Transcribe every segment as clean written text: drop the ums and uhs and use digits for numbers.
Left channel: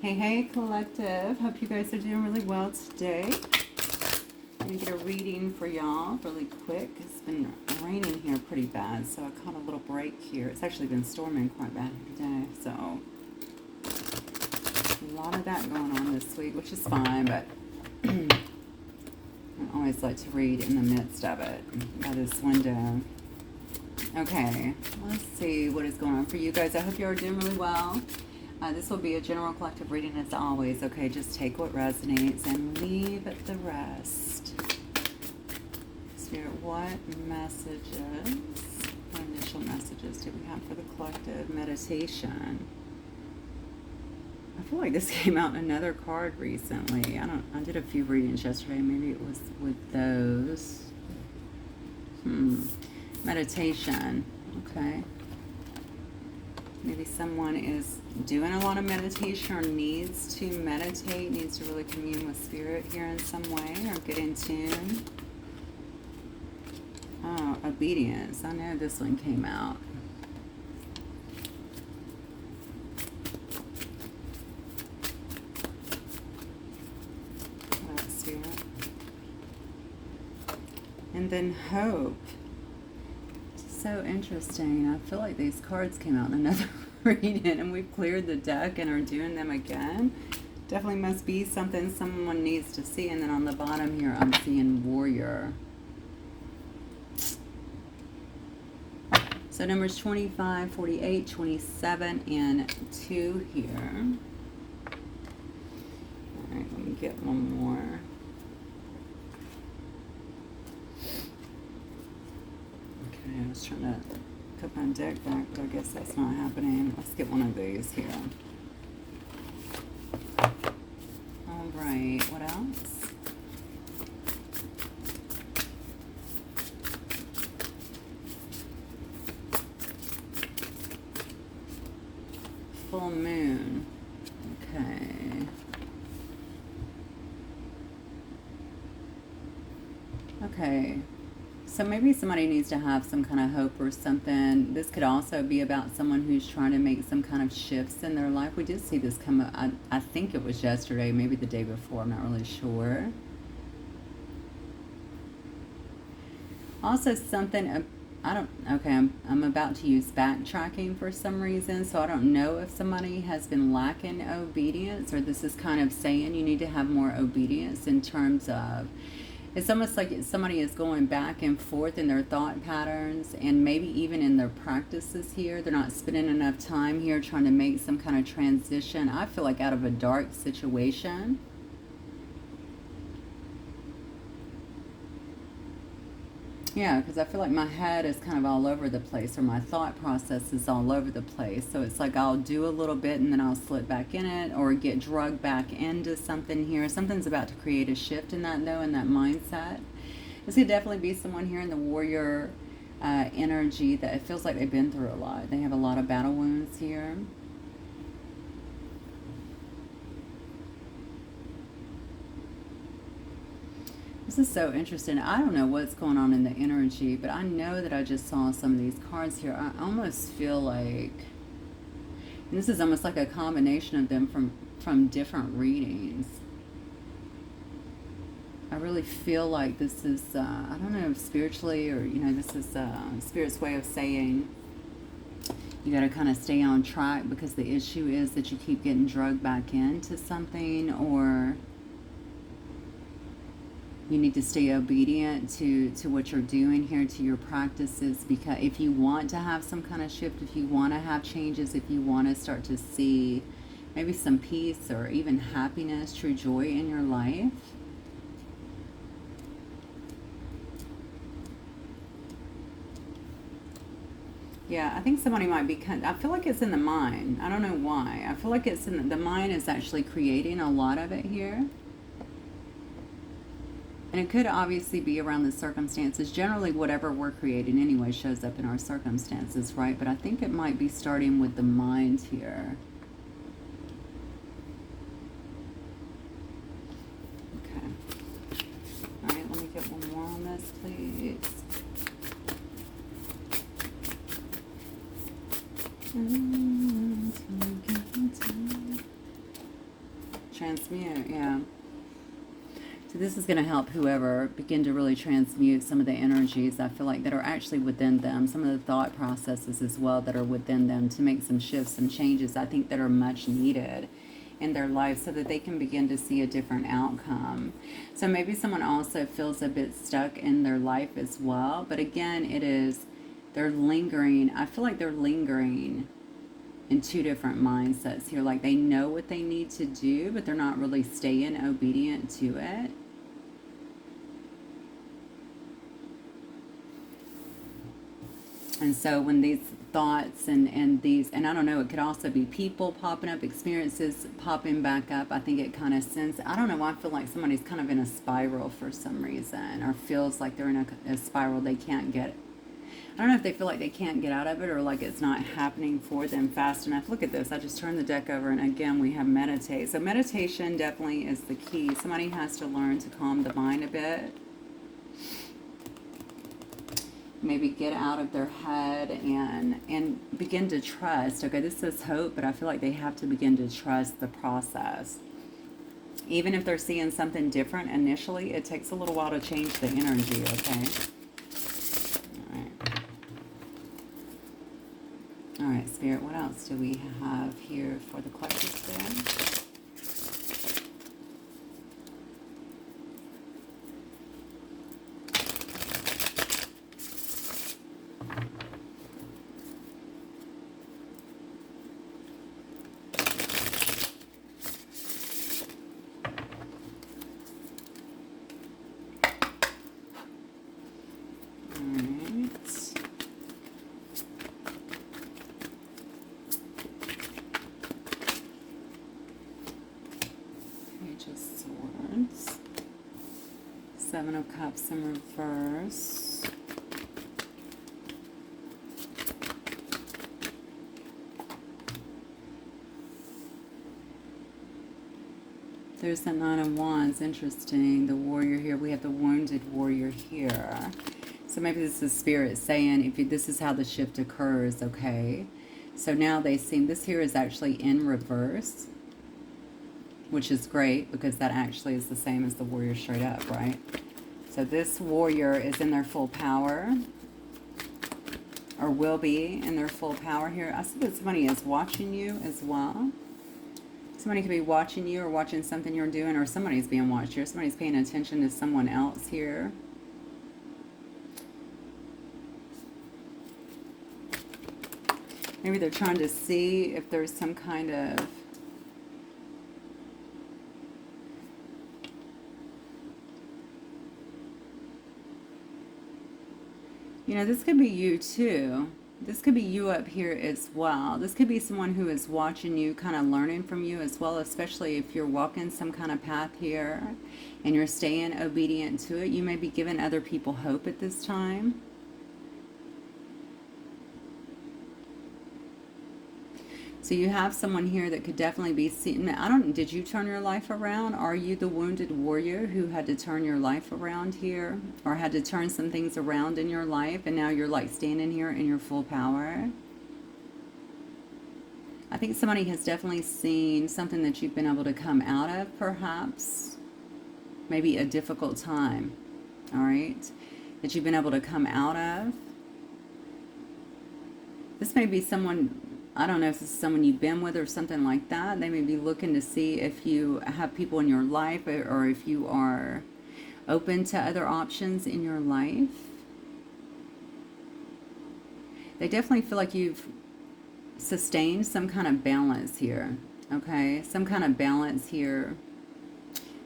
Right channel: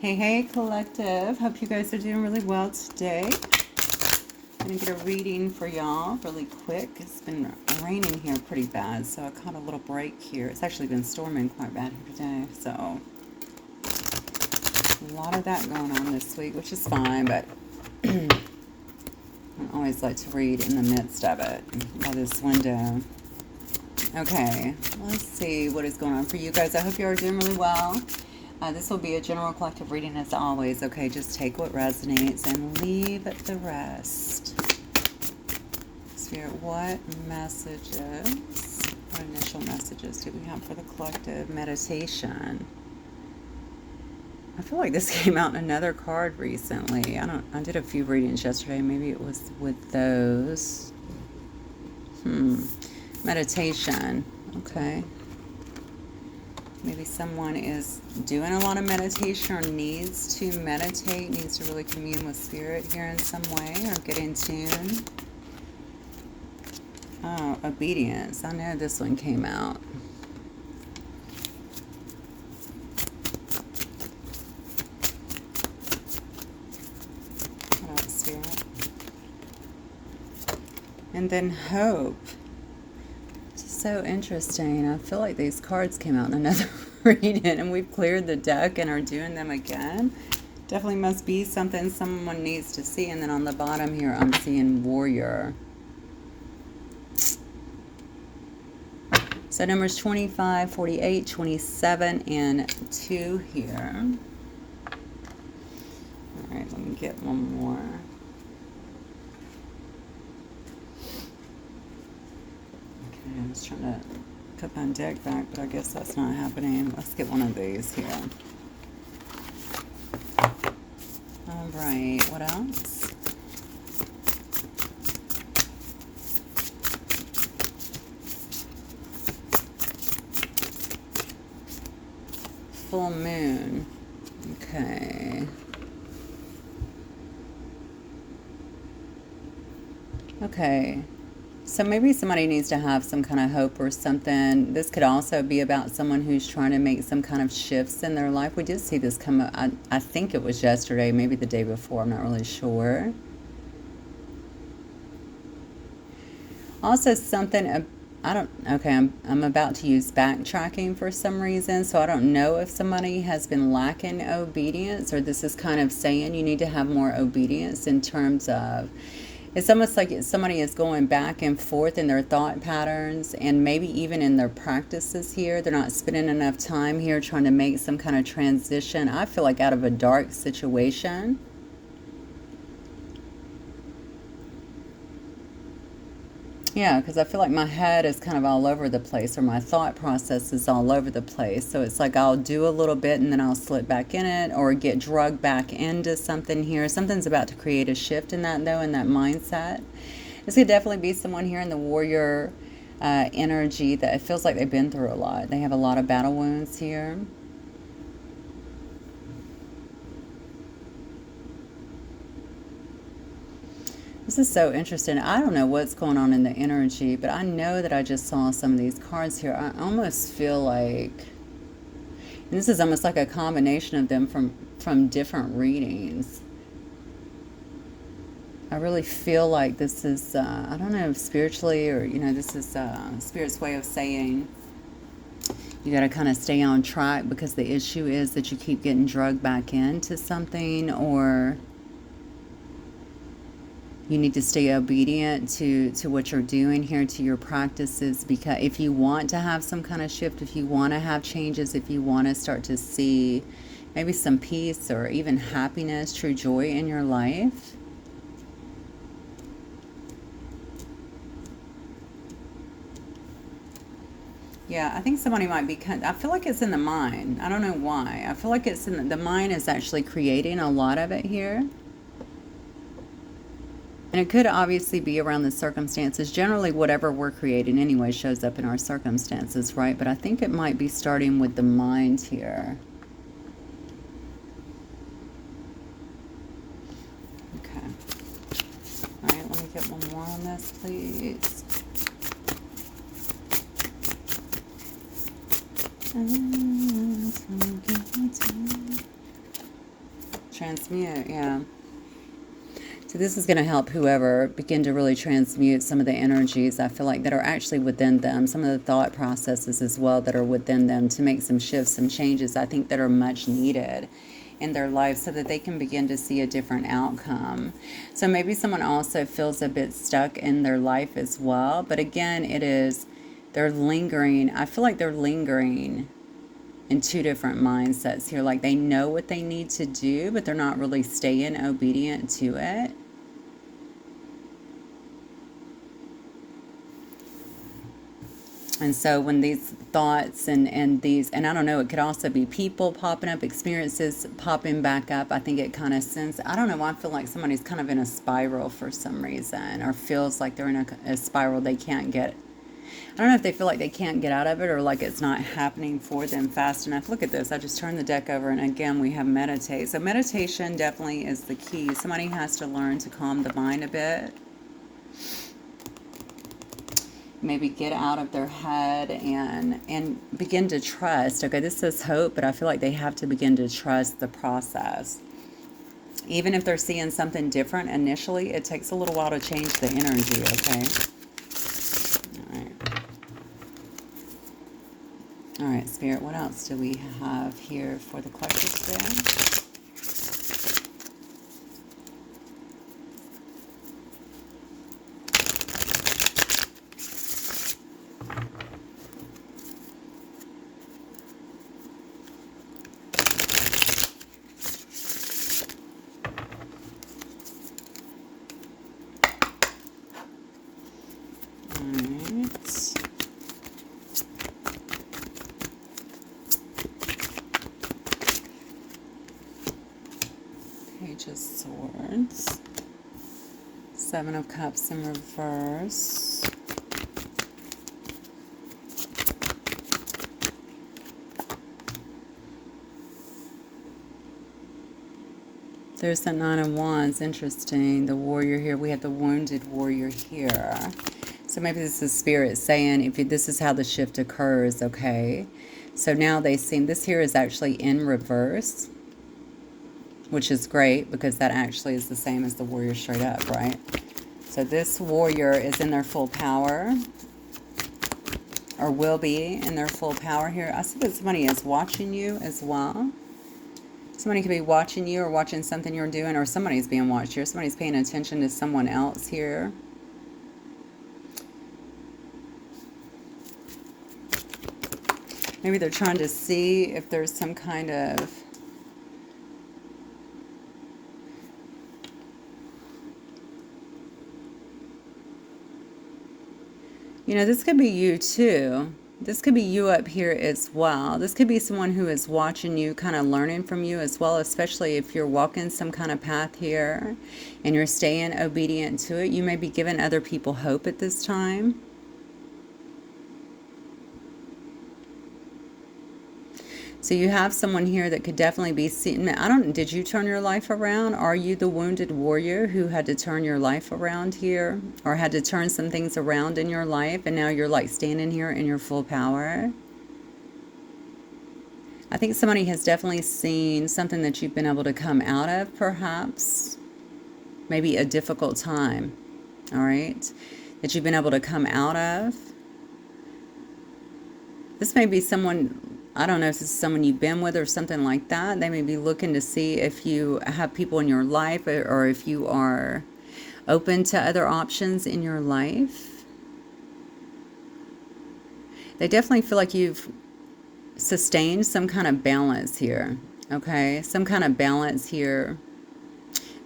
Hey, hey, collective. Hope you guys are doing really well today. I'm going to get a reading for y'all really quick. It's been raining here pretty bad, so I caught a little break here. It's actually been storming quite bad here today, so a lot of that going on this week, which is fine, but I always like to read in the midst of it by this window. Okay, let's see what is going on for you guys. I hope you are doing really well. This will be a general collective reading as always. Okay, just take what resonates and leave the rest. Spirit, what messages, what initial messages do we have for the collective meditation? I feel like this came out in another card recently. I did a few readings yesterday. Maybe it was with those. Meditation. Okay. Maybe someone is doing a lot of meditation or needs to meditate, needs to really commune with spirit here in some way or get in tune. Oh, obedience. I know this one came out. What else here? And then hope. So interesting. I feel like these cards came out in another reading and we've cleared the deck and are doing them again. Definitely must be something someone needs to see. And then on the bottom here I'm seeing warrior. So numbers 25, 48, 27, and 2 here. All right, let me get one more. I was trying to put my deck back, but I guess that's not happening. Let's get one of these here. All right, what else? Full moon. Okay. Okay. So maybe somebody needs to have some kind of hope or something. This could also be about someone who's trying to make some kind of shifts in their life. We did see this come up. I think it was yesterday, maybe the day before. I'm not really sure. Also something, I'm about to use backtracking for some reason. So I don't know if somebody has been lacking obedience or this is kind of saying you need to have more obedience in terms of, it's almost like somebody is going back and forth in their thought patterns and maybe even in their practices here. They're not spending enough time here trying to make some kind of transition. I feel like out of a dark situation. Yeah, because I feel like my head is kind of all over the place or my thought process is all over the place. So it's like I'll do a little bit and then I'll slip back in it or get drugged back into something here. Something's about to create a shift in that though, in that mindset. This could definitely be someone here in the warrior energy that it feels like they've been through a lot. They have a lot of battle wounds here. This is so interesting. I don't know what's going on in the energy, but I know that I just saw some of these cards here. I almost feel like, and this is almost like a combination of them from different readings. I really feel like this is, I don't know, spiritually or, this is Spirit's way of saying you got to kind of stay on track because the issue is that you keep getting drugged back into something or you need to stay obedient to what you're doing here, to your practices, because if you want to have some kind of shift, if you want to have changes, if you want to start to see maybe some peace or even happiness, true joy in your life. Yeah, I think somebody might be, I feel like it's in the mind. I don't know why. I feel like it's in the mind is actually creating a lot of it here. And it could obviously be around the circumstances. Generally, whatever we're creating anyway shows up in our circumstances, right? But I think it might be starting with the mind here. Okay. All right, let me get one more on this, please. Transmute, yeah. So this is going to help whoever begin to really transmute some of the energies I feel like that are actually within them, some of the thought processes as well that are within them, to make some shifts, some changes I think that are much needed in their life so that they can begin to see a different outcome. So maybe someone also feels a bit stuck in their life as well. But again, they're lingering. I feel like they're lingering in two different mindsets here. Like they know what they need to do, but they're not really staying obedient to it. And so when these thoughts and these, and I don't know, it could also be people popping up, experiences popping back up. I think it kind of sends, I don't know, I feel like somebody's kind of in a spiral for some reason, or feels like they're in a spiral they can't get. I don't know if they feel like they can't get out of it, or like it's not happening for them fast enough. Look at this. I just turned the deck over, and again, we have meditate. So meditation definitely is the key. Somebody has to learn to calm the mind a bit. Maybe get out of their head and begin to trust. Okay, this says hope, but I feel like they have to begin to trust the process. Even if they're seeing something different initially, it takes a little while to change the energy, okay? All right, Spirit, what else do we have here for the collective today? Page of Swords, Seven of Cups in reverse, there's the Nine of Wands. Interesting. The Warrior here. We have the Wounded Warrior here. So maybe this is Spirit saying, this is how the shift occurs, okay? So now they seem, this here is actually in reverse, which is great because that actually is the same as the Warrior straight up, right? So this Warrior is in their full power, or will be in their full power here. I see that somebody is watching you as well. Somebody could be watching you or watching something you're doing, or somebody's being watched here. Somebody's paying attention to someone else here. Maybe they're trying to see if there's some kind of this could be you too. This could be you up here as well. This could be someone who is watching you, kind of learning from you as well, especially if you're walking some kind of path here and you're staying obedient to it. You may be giving other people hope at this time. So you have someone here that could definitely be seen. Did you turn your life around? Are you the Wounded Warrior who had to turn your life around here, or had to turn some things around in your life, and now you're like standing here in your full power? I think somebody has definitely seen something that you've been able to come out of, perhaps. Maybe a difficult time, all right, that you've been able to come out of. This may be someone, I don't know if this is someone you've been with or something like that. They may be looking to see if you have people in your life, or if you are open to other options in your life. They definitely feel like you've sustained some kind of balance here, okay? Some kind of balance here.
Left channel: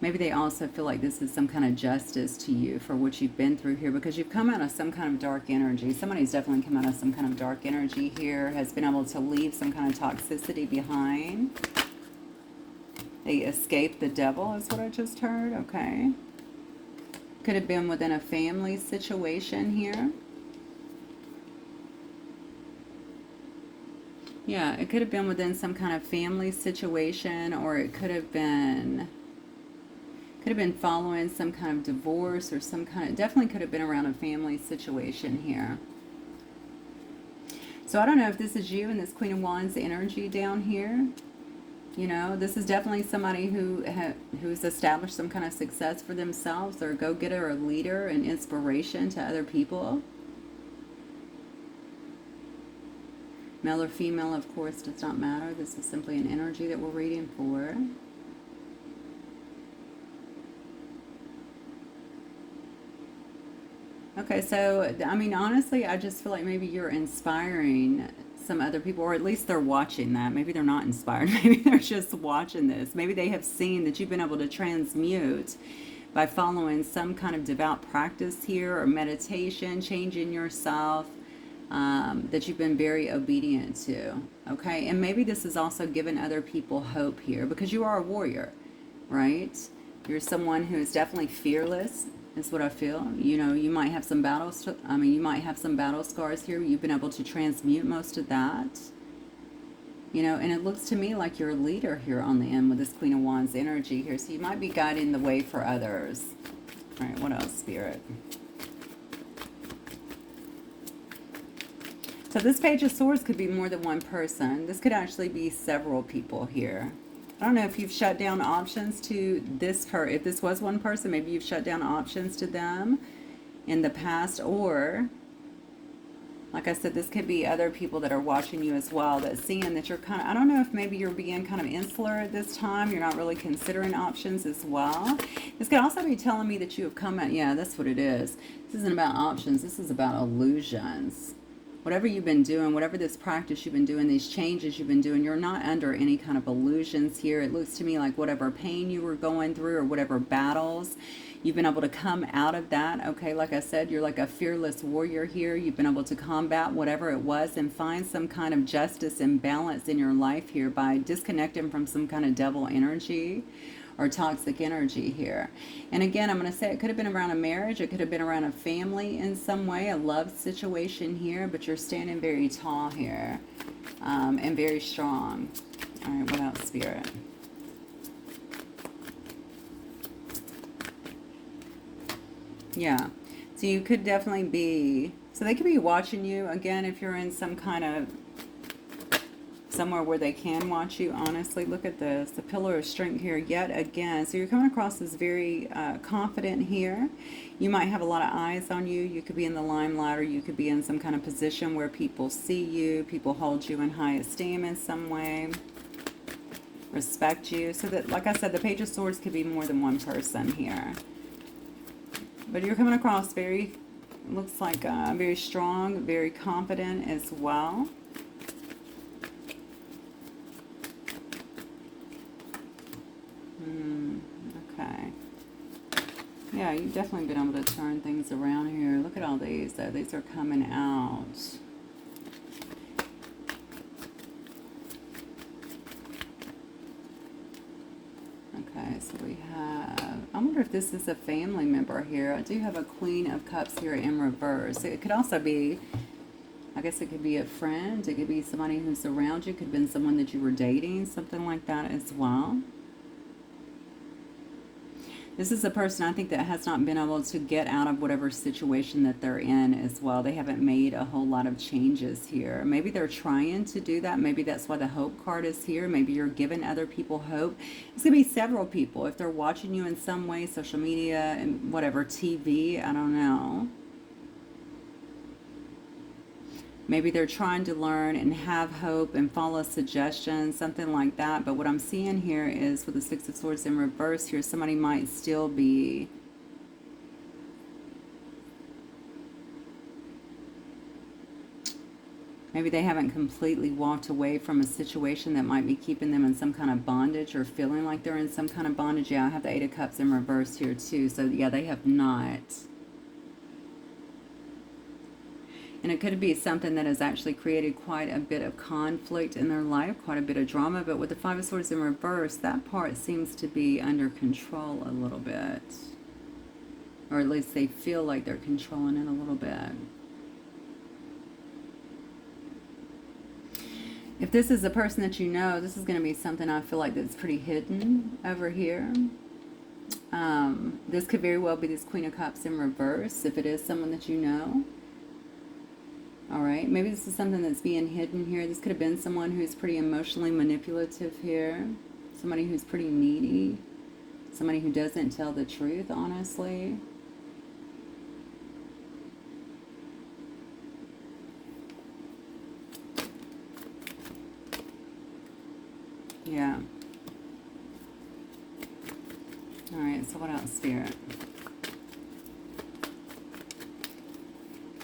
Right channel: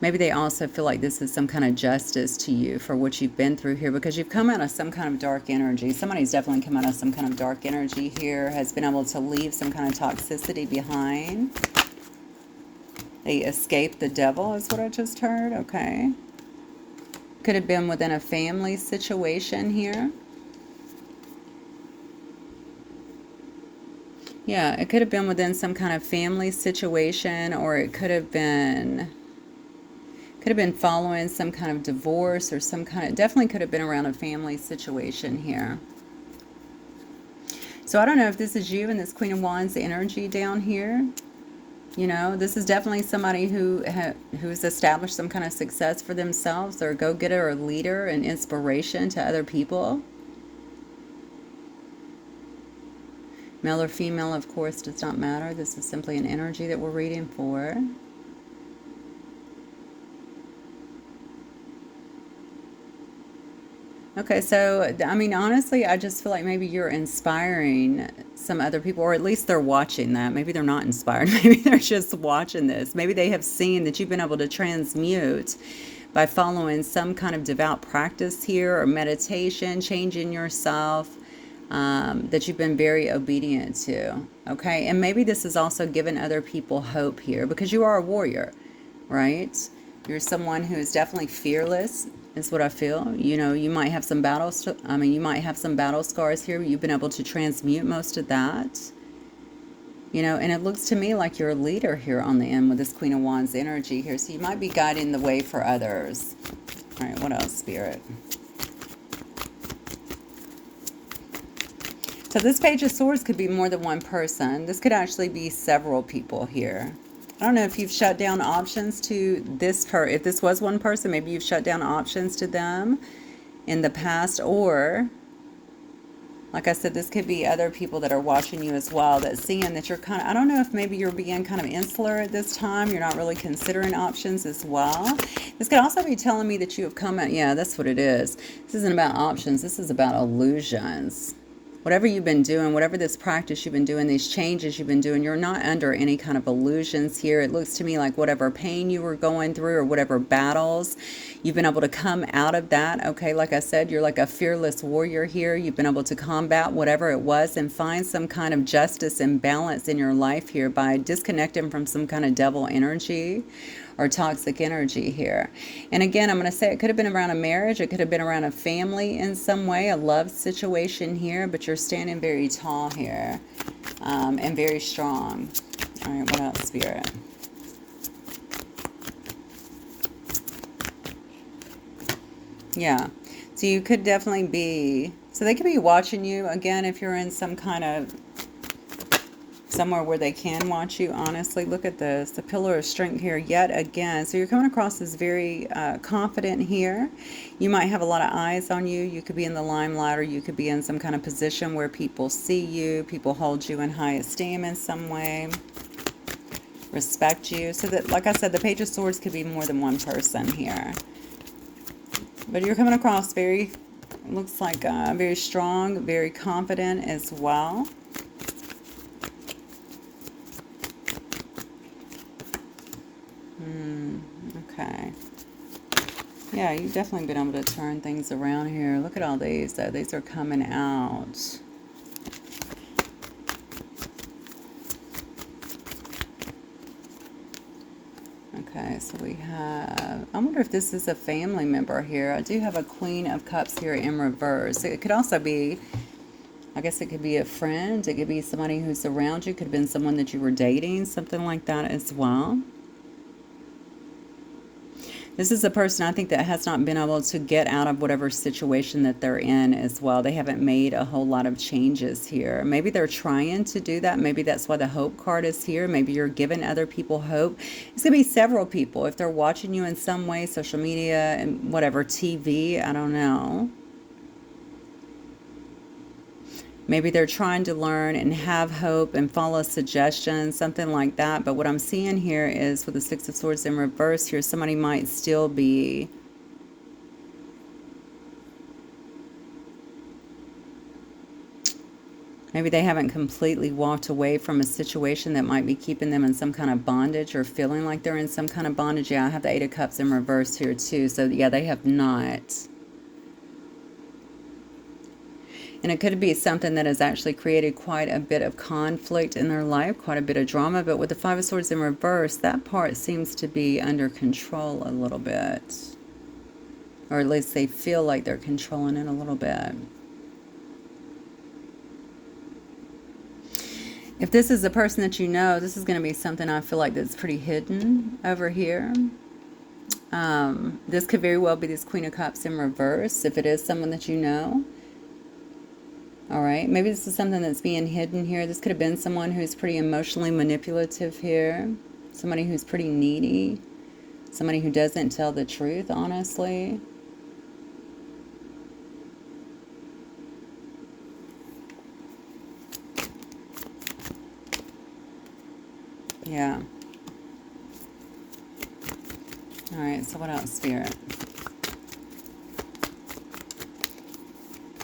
Maybe they also feel like this is some kind of justice to you for what you've been through here, because you've come out of some kind of dark energy. Somebody's definitely come out of some kind of dark energy here, has been able to leave some kind of toxicity behind. They escaped the devil is what I just heard, okay? Could have been within a family situation here. Yeah, it could have been within some kind of family situation, or it could have been following some kind of divorce, or some kind of, definitely could have been around a family situation here. So I don't know if this is you and this Queen of Wands energy down here. You know, this is definitely somebody who's established some kind of success for themselves. They're a go-getter or leader and inspiration to other people. Male or female, of course, does not matter. This is simply an energy that we're reading for. Okay, so, I mean, honestly, I just feel like maybe you're inspiring some other people, or at least they're watching that. Maybe they're not inspired. Maybe they're just watching this. Maybe they have seen that you've been able to transmute by following some kind of devout practice here or meditation, changing yourself, that you've been very obedient to. Okay, and maybe this is also giving other people hope here because you are a warrior, right? You're someone who is definitely fearless, is what I feel. You know, you might have some battles. I mean, you might have some battle scars here. You've been able to transmute most of that. You know, and it looks to me like you're a leader here on the end with this Queen of Wands energy here. So you might be guiding the way for others. All right, what else, Spirit? So this Page of Swords could be more than one person. This could actually be several people here. I don't know if you've shut down options to this if this was one person, maybe you've shut down options to them in the past, or like I said, this could be other people that are watching you as well, that seeing that you're kind of, I don't know if maybe you're being kind of insular at this time. You're not really considering options as well. This could also be telling me that you have come out. Yeah, that's what it is. This isn't about options. This is about illusions. Whatever you've been doing, whatever this practice you've been doing, these changes you've been doing, you're not under any kind of illusions here. It looks to me like whatever pain you were going through or whatever battles, you've been able to come out of that. Okay, like I said, you're like a fearless warrior here. You've been able to combat whatever it was and find some kind of justice and balance in your life here by disconnecting from some kind of devil energy or toxic energy here. And again, I'm going to say it could have been around a marriage. It could have been around a family in some way, a love situation here, but you're standing very tall here, and very strong. All right, what else, Spirit? Yeah, so you could definitely be, so they could be watching you again if you're in some kind of somewhere where they can watch you. Honestly, look at this, the pillar of strength here yet again. So you're coming across as very confident here. You might have a lot of eyes on you. You could be in the limelight, or you could be in some kind of position where people see you, people hold you in high esteem in some way, respect you. So that, like I said, the Page of Swords could be more than one person here, but you're coming across very, looks like very strong, very confident as well. Okay. Yeah, you've definitely been able to turn things around here. Look at all these, though. These are coming out. Okay, so we have, I wonder if this is a family member here. I do have a Queen of Cups here in reverse. It could also be, I guess it could be a friend. It could be somebody who's around you. It could have been someone that you were dating, something like that as well. This is a person, I think, that has not been able to get out of whatever situation that they're in as well. They haven't made a whole lot of changes here. Maybe they're trying to do that. Maybe that's why the hope card is here. Maybe you're giving other people hope. It's going to be several people. If they're watching you in some way, social media and whatever, TV, I don't know. Maybe they're trying to learn and have hope and follow suggestions, something like that. But what I'm seeing here is with the Six of Swords in reverse here, somebody might still be maybe they haven't completely walked away from a situation that might be keeping them in some kind of bondage or feeling like they're in some kind of bondage. Yeah, I have the Eight of Cups in reverse here too. So yeah, they have not. And it could be something that has actually created quite a bit of conflict in their life, quite a bit of drama. But with the Five of Swords in reverse, that part seems to be under control a little bit. Or at least they feel like they're controlling it a little bit. If this is a person that you know, this is going to be something I feel like that's pretty hidden over here. This could very well be this Queen of Cups in reverse, if it is someone that you know. All right, maybe this is something that's being hidden here. This could have been someone who's pretty emotionally manipulative here. Somebody who's pretty needy. Somebody who doesn't tell the truth, honestly. Yeah. All right, so what else, Spirit?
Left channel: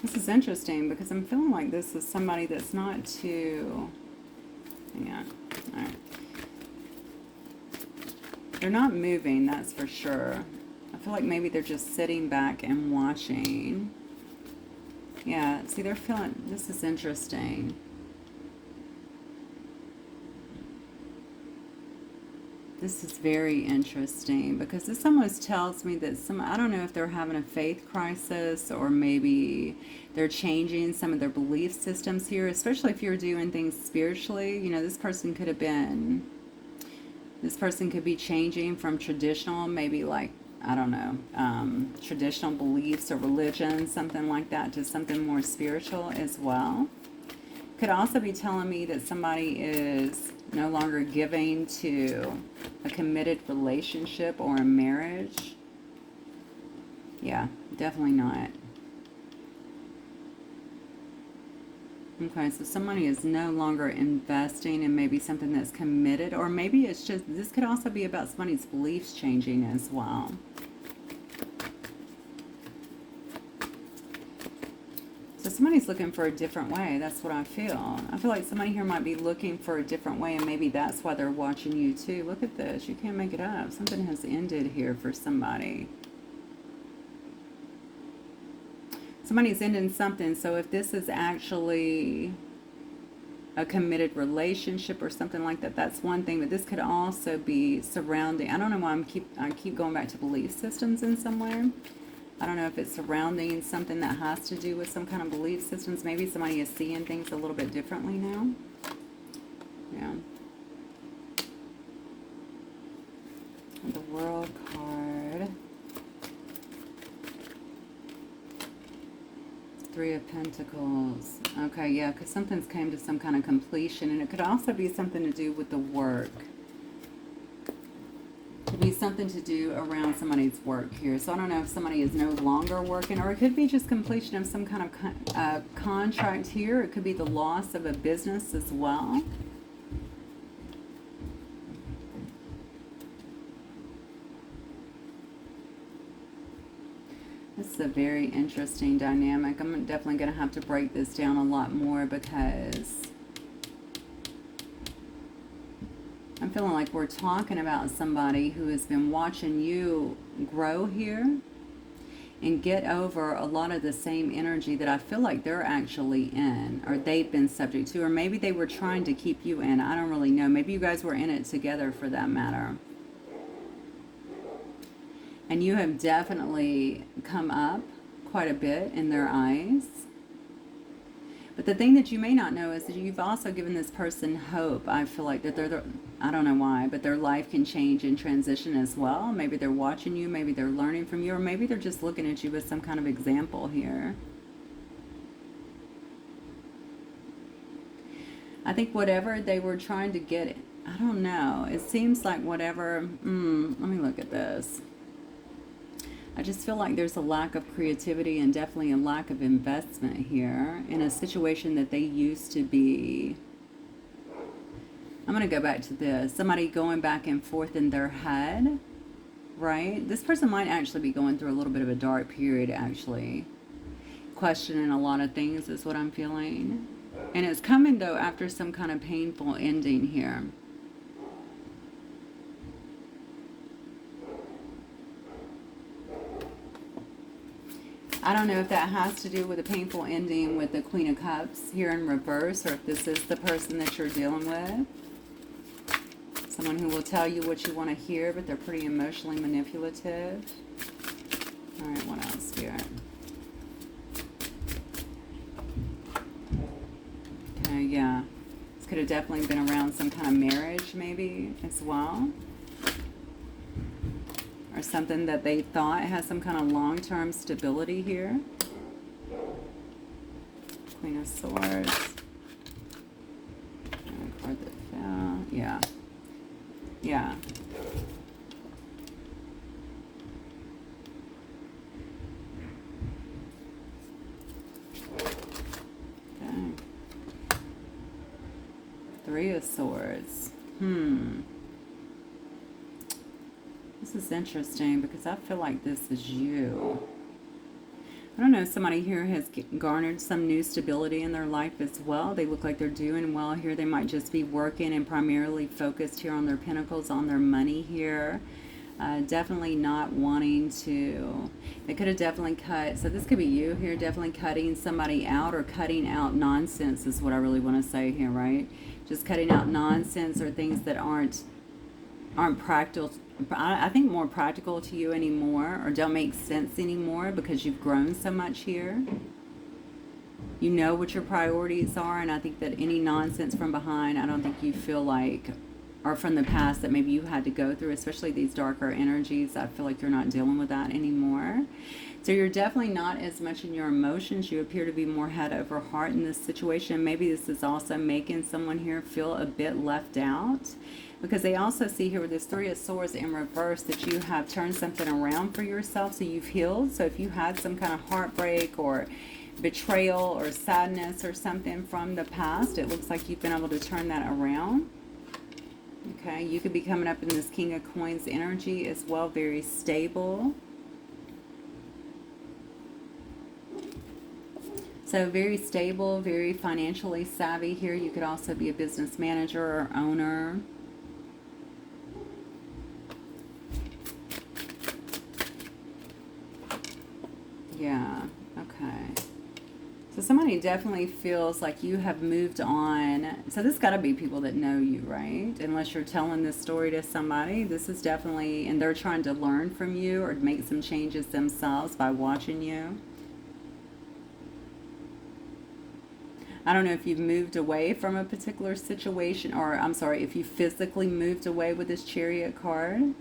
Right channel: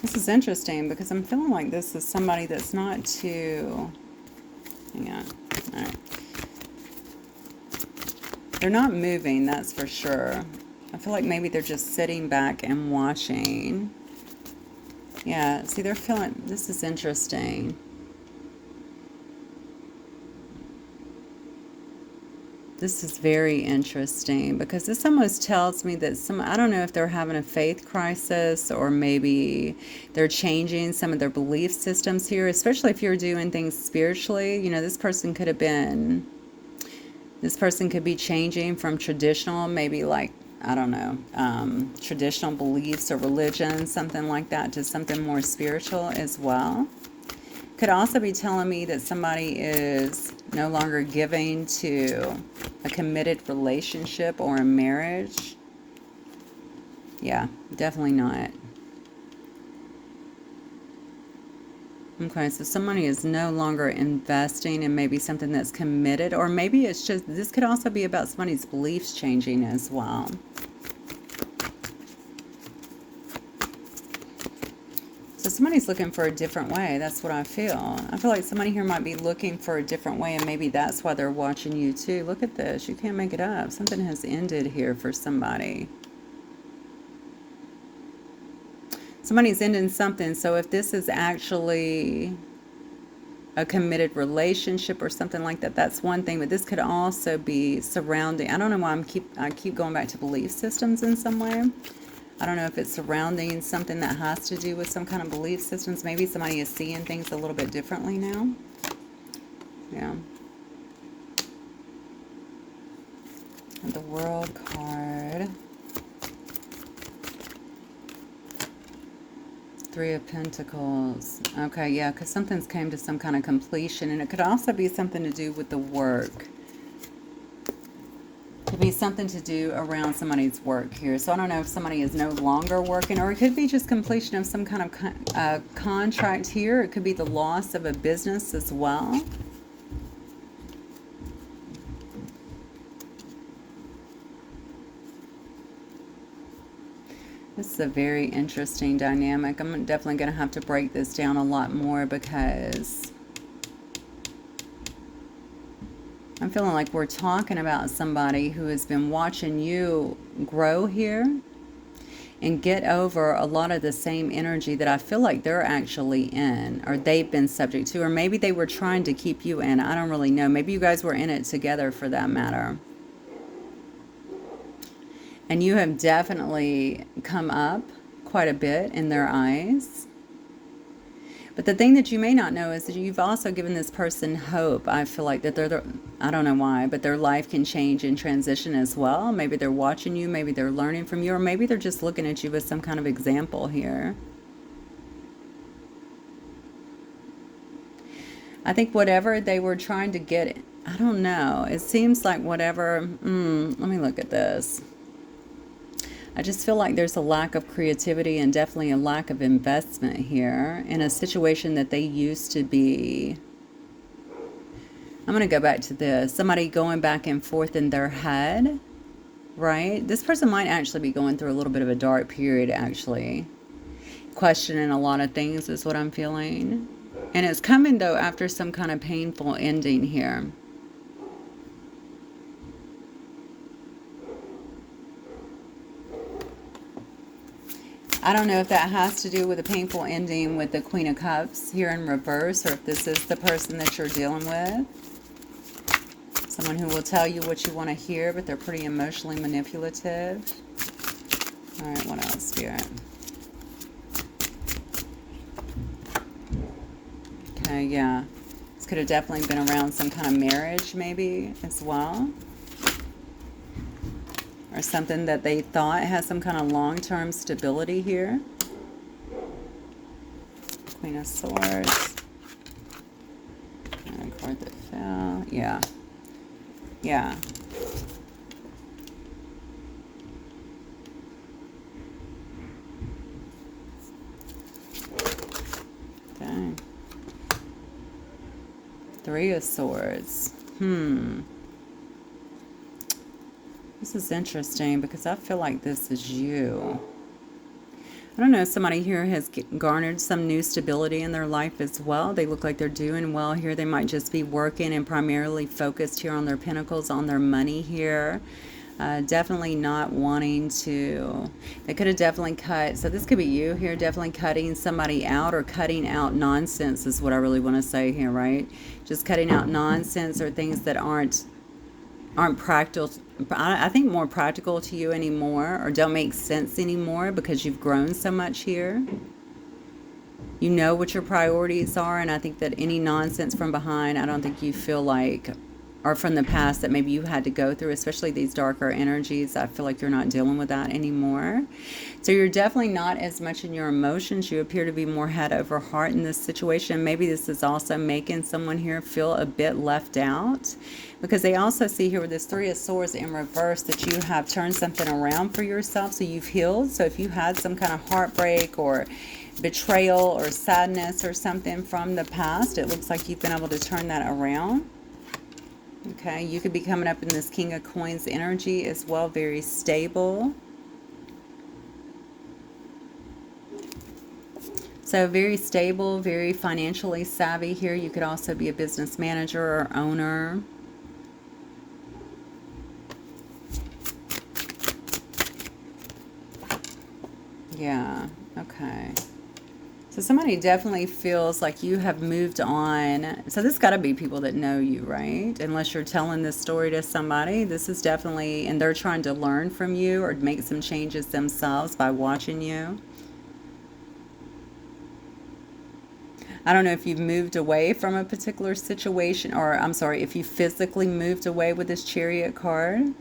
This is interesting because I'm feeling like this is somebody that's not too... Hang on. All right. They're not moving, that's for sure. I feel like maybe they're just sitting back and watching. Yeah, see, they're feeling... This is interesting. This is very interesting because this almost tells me that I don't know if they're having a faith crisis or maybe they're changing some of their belief systems here, especially if you're doing things spiritually. You know, this person could be changing from traditional, maybe like, I don't know, traditional beliefs or religion, something like that, to something more spiritual as well. Could also be telling me that somebody is no longer giving to a committed relationship or a marriage. Yeah, definitely not. Okay, so somebody is no longer investing in maybe something that's committed, or maybe it's just, this could also be about somebody's beliefs changing as well. So somebody's looking for a different way. That's what I feel. I feel like somebody here might be looking for a different way, and maybe that's why they're watching you too. Look at this. You can't make it up. Something has ended here for somebody. Somebody's ending something. So if this is actually a committed relationship or something like that, that's one thing. But this could also be surrounding... I don't know why I keep going back to belief systems in some way. I don't know if it's surrounding something that has to do with some kind of belief systems. Maybe somebody is seeing things a little bit differently now. Yeah. And the World card. 3 of Pentacles. Okay, yeah, because something's came to some kind of completion. And it could also be something to do with the work. Could be something to do around somebody's work here. So I don't know if somebody is no longer working, or it could be just completion of some kind of contract here. It could be the loss of a business as well. This is a very interesting dynamic. I'm definitely going to have to break this down a lot more because I'm feeling like we're talking about somebody who has been watching you grow here and get over a lot of the same energy that I feel like they're actually in, or they've been subject to, or maybe they were trying to keep you in. I don't really know. Maybe you guys were in it together for that matter. And you have definitely come up quite a bit in their eyes. But the thing that you may not know is that you've also given this person hope. I feel like that I don't know why, but their life can change and transition as well. Maybe they're watching you, maybe they're learning from you, or maybe they're just looking at you as some kind of example here. I think whatever they were trying to get, I don't know. It seems like whatever, let me look at this. I just feel like there's a lack of creativity and definitely a lack of investment here in a situation that they used to be. I'm going to go back to this. Somebody going back and forth in their head, right? This person might actually be going through a little bit of a dark period, actually. Questioning a lot of things is what I'm feeling. And it's coming, though, after some kind of painful ending here. I don't know if that has to do with a painful ending with the Queen of Cups here in reverse, or if this is the person that you're dealing with. Someone who will tell you what you want to hear, but they're pretty emotionally manipulative. All right, what else, Spirit? Okay, yeah. This could have definitely been around some kind of marriage, maybe, as well. Or something that they thought has some kind of long-term stability here. Queen of Swords. And a card that fell. Yeah. Yeah. Okay. Three of Swords. This is interesting because I feel like this is you. I don't know if somebody here has garnered some new stability in their life as well. They look like they're doing well here. They might just be working and primarily focused here on their pentacles, on their money here. Definitely not wanting to, they could have definitely cut, so this could be you here, definitely cutting somebody out or cutting out nonsense is what I really want to say here, right? Just cutting out nonsense or things that aren't practical. I think more practical to you anymore, or don't make sense anymore because you've grown so much here. You know what your priorities are, and I think that any nonsense from behind, I don't think you feel like, or from the past that maybe you had to go through, especially these darker energies. I feel like you're not dealing with that anymore. So you're definitely not as much in your emotions. You appear to be more head over heart in this situation. Maybe this is also making someone here feel a bit left out, because they also see here with this Three of Swords in reverse that you have turned something around for yourself. So you've healed. So if you had some kind of heartbreak or betrayal or sadness or something from the past, it looks like you've been able to turn that around. Okay, you could be coming up in this King of Coins energy as well, very stable. So very stable, very financially savvy here. You could also be a business manager or owner. Yeah, okay. So somebody definitely feels like you have moved on. So this got to be people that know you, right? Unless you're telling this story to somebody. This is definitely, and they're trying to learn from you or make some changes themselves by watching you. I don't know if you've moved away from a particular situation, or I'm sorry, if you physically moved away with this Chariot card.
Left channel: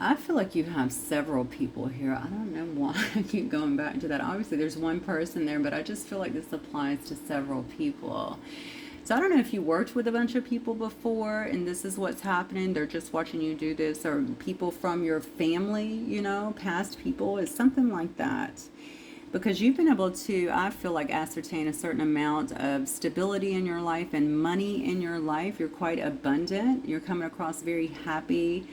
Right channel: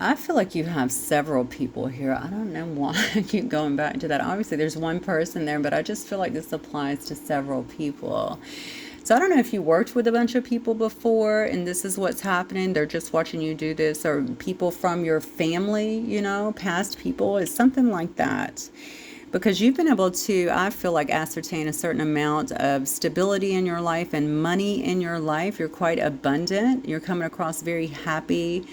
I feel like you have several people here. I don't know why I keep going back to that. Obviously, there's one person there, but I just feel like this applies to several people. So I don't know if you worked with a bunch of people before and this is what's happening. They're just watching you do this, or people from your family, you know, past people. It's something like that. Because you've been able to, I feel like, ascertain a certain amount of stability in your life and money in your life. You're quite abundant. You're coming across very happy.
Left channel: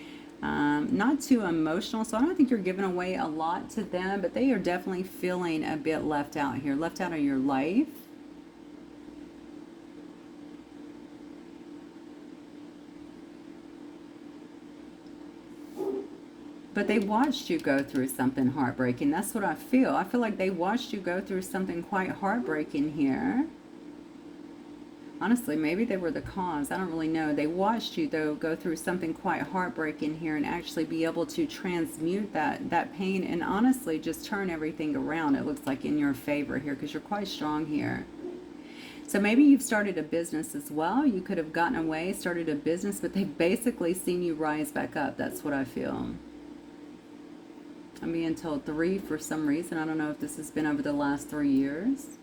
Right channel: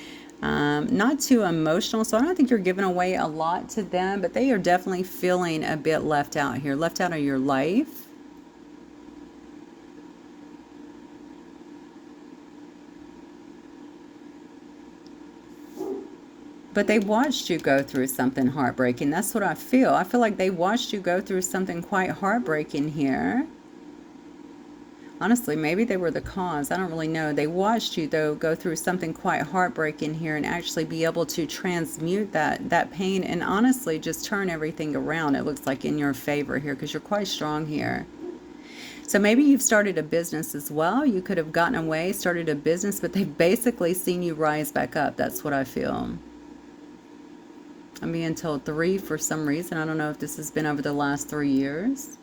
Not too emotional, so I don't think you're giving away a lot to them, but they are definitely feeling a bit left out here, left out of your life. But they watched you go through something heartbreaking. That's what I feel. I feel like they watched you go through something quite heartbreaking here. Honestly, maybe they were the cause. I don't really know. They watched you, though, go through something quite heartbreaking here and actually be able to transmute that pain and honestly just turn everything around. It looks like in your favor here because you're quite strong here. So maybe you've started a business as well. You could have gotten away, started a business, but they've basically seen you rise back up. That's what I feel. I'm being told 3 for some reason. I don't know if this has been over the last 3 years.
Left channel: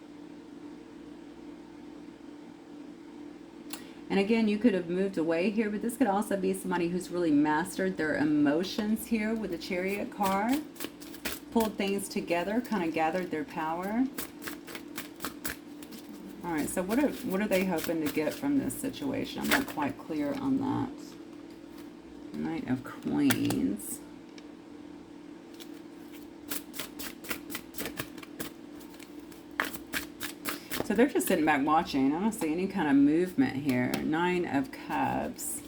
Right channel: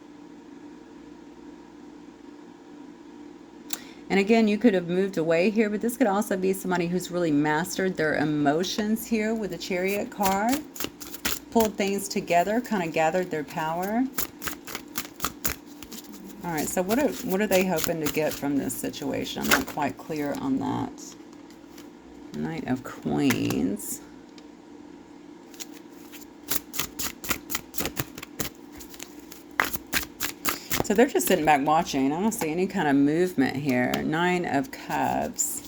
And again, you could have moved away here, but this could also be somebody who's really mastered their emotions here with the Chariot card. Pulled things together, kind of gathered their power. All right, so what are they hoping to get from this situation? I'm not quite clear on that. Knight of Queens. So they're just sitting back watching. I don't see any kind of movement here. 9 of Cups.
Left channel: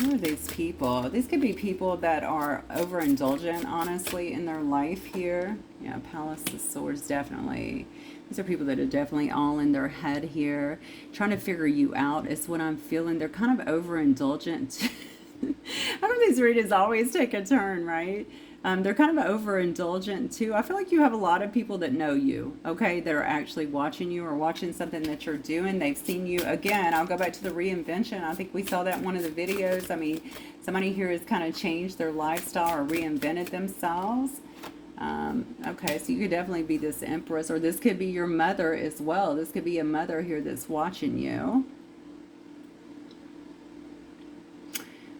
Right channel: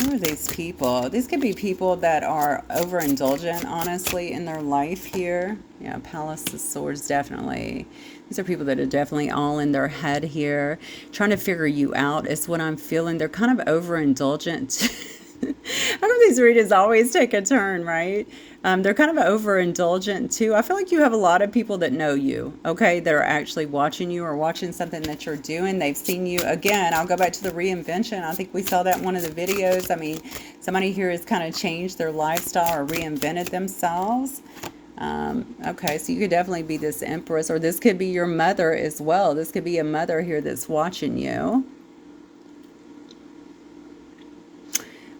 Who are these people? These could be people that are overindulgent, honestly, in their life here. Yeah, Palace of Swords, definitely. These are people that are definitely all in their head here. Trying to figure you out is what I'm feeling. They're kind of overindulgent. I know these readings always take a turn, right? They're kind of overindulgent too. I feel like you have a lot of people that know you, okay, that are actually watching you or watching something that you're doing. They've seen you. Again, I'll go back to the reinvention. I think we saw that in one of the videos. I mean, somebody here has kind of changed their lifestyle or reinvented themselves. Okay, so you could definitely be this empress, or this could be your mother as well. This could be a mother here that's watching you.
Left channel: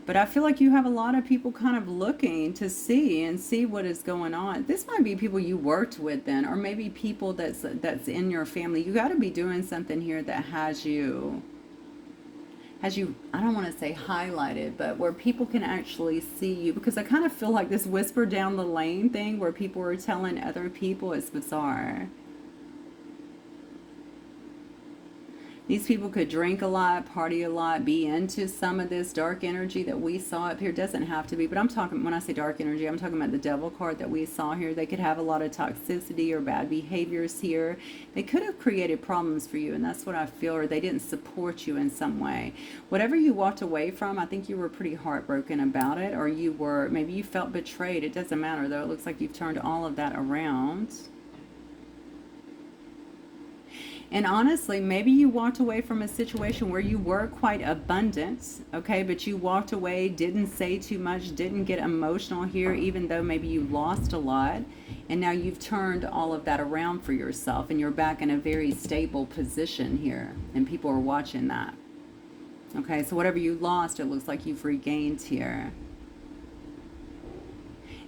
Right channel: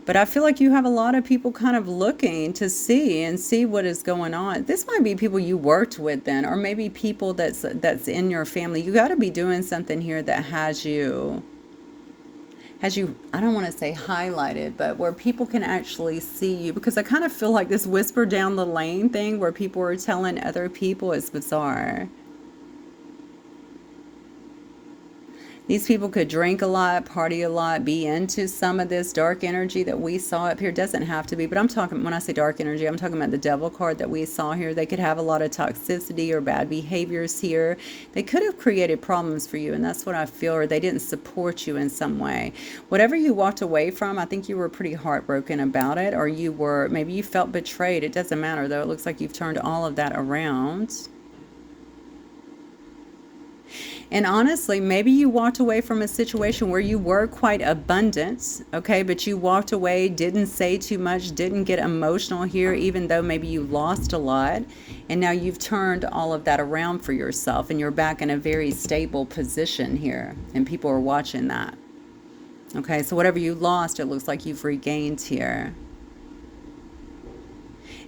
But I feel like you have a lot of people kind of looking to see what is going on. This might be people you worked with then, or maybe people that's in your family. You got to be doing something here that has you, I don't want to say highlighted, but where people can actually see you. Because I kind of feel like this whisper down the lane thing where people are telling other people is bizarre. These people could drink a lot, party a lot, be into some of this dark energy that we saw up here. Doesn't have to be, but I'm talking, when I say dark energy, I'm talking about the devil card that we saw here. They could have a lot of toxicity or bad behaviors here. They could have created problems for you, and that's what I feel, or they didn't support you in some way. Whatever you walked away from, I think you were pretty heartbroken about it, or maybe you felt betrayed. It doesn't matter, though. It looks like you've turned all of that around. And honestly, maybe you walked away from a situation where you were quite abundant, okay, but you walked away, didn't say too much, didn't get emotional here, even though maybe you lost a lot. And now you've turned all of that around for yourself, and you're back in a very stable position here, and people are watching that. Okay, so whatever you lost, it looks like you've regained here.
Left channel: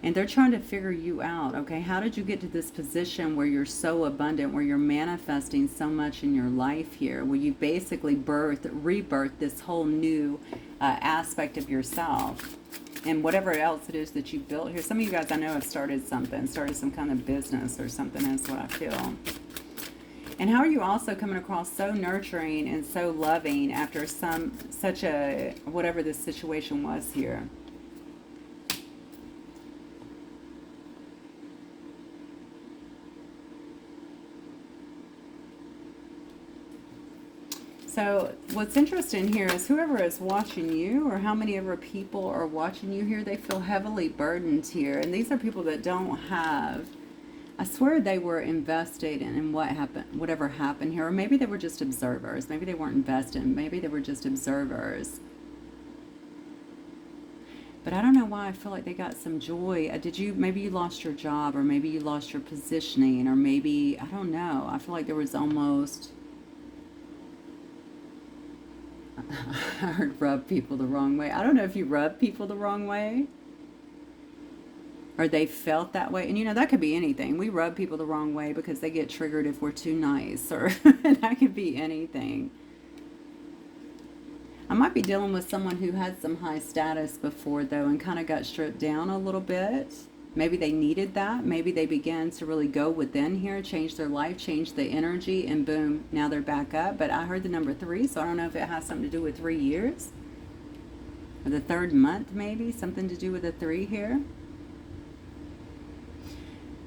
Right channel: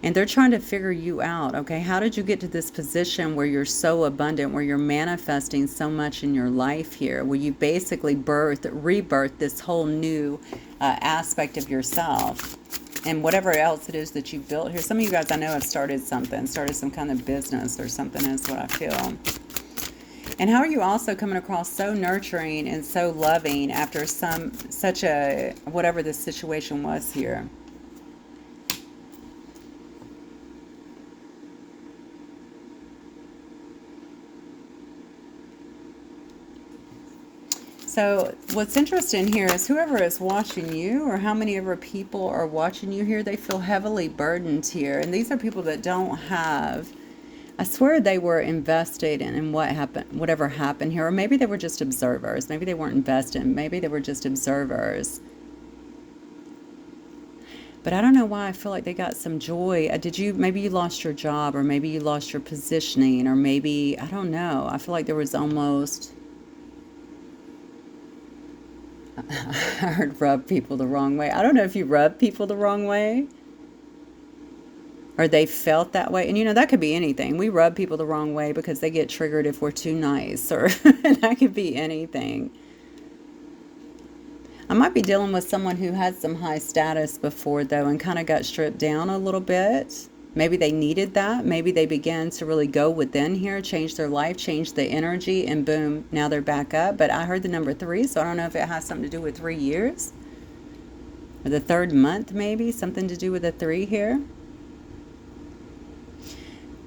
And they're trying to figure you out, okay? How did you get to this position where you're so abundant, where you're manifesting so much in your life here, where you basically rebirth this whole new aspect of yourself and whatever else it is that you built here. Some of you guys I know have started some kind of business or something, is what I feel. And how are you also coming across so nurturing and so loving after whatever this situation was here? So what's interesting here is whoever is watching you, or how many ever people are watching you here, they feel heavily burdened here. And these are people that don't have, I swear they were invested in what happened, whatever happened here. Or maybe they were just observers. Maybe they weren't invested. Maybe they were just observers. But I don't know why I feel like they got some joy. Maybe you lost your job, or maybe you lost your positioning, or maybe, I don't know. I feel like there was almost, I heard rub people the wrong way. I don't know if you rub people the wrong way, or they felt that way. And that could be anything. We rub people the wrong way because they get triggered if we're too nice, or that could be anything. I might be dealing with someone who had some high status before, though, and kind of got stripped down a little bit. Maybe they needed that. Maybe they began to really go within here, change their life, change the energy, and boom, now they're back up. But I heard the number 3, so I don't know if it has something to do with 3 years. Or the 3rd month, maybe. Something to do with the 3 here.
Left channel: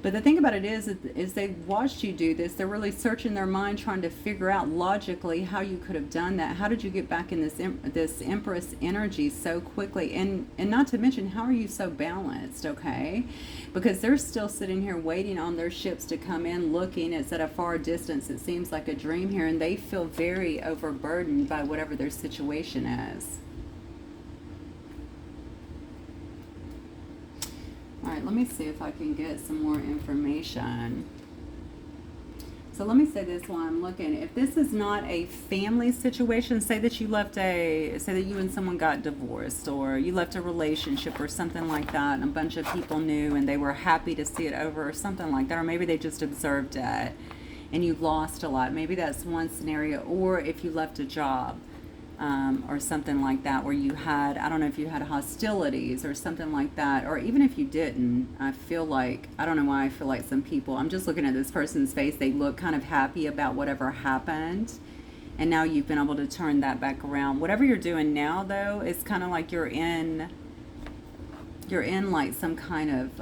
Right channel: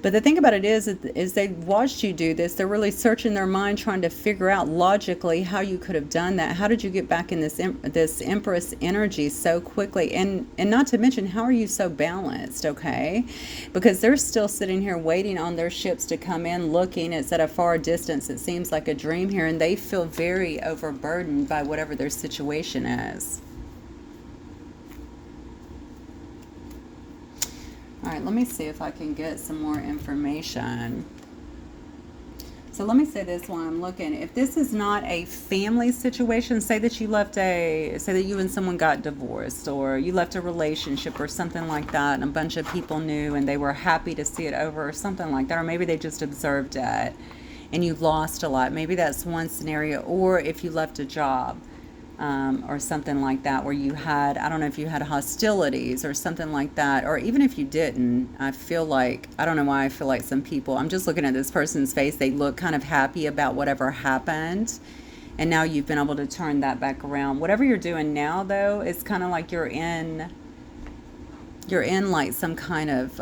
But the thing about it is they've watched you do this. They're really searching their mind, trying to figure out logically how you could have done that. How did you get back in this Empress energy so quickly? And not to mention, how are you so balanced, okay? Because they're still sitting here waiting on their ships to come in, looking. It's at a far distance. It seems like a dream here, and they feel very overburdened by whatever their situation is. All right, let me see if I can get some more information. So let me say this while I'm looking. If this is not a family situation, say that you and someone got divorced, or you left a relationship or something like that, and a bunch of people knew and they were happy to see it over, or something like that, or maybe they just observed it and you lost a lot. Maybe that's one scenario. Or if you left a job, or something like that, where you had, I don't know if you had hostilities or something like that, or even if you didn't, I feel like, I don't know why I feel like some people, I'm just looking at this person's face, they look kind of happy about whatever happened, and now you've been able to turn that back around. Whatever you're doing now, though, it's kind of like you're in like some kind of,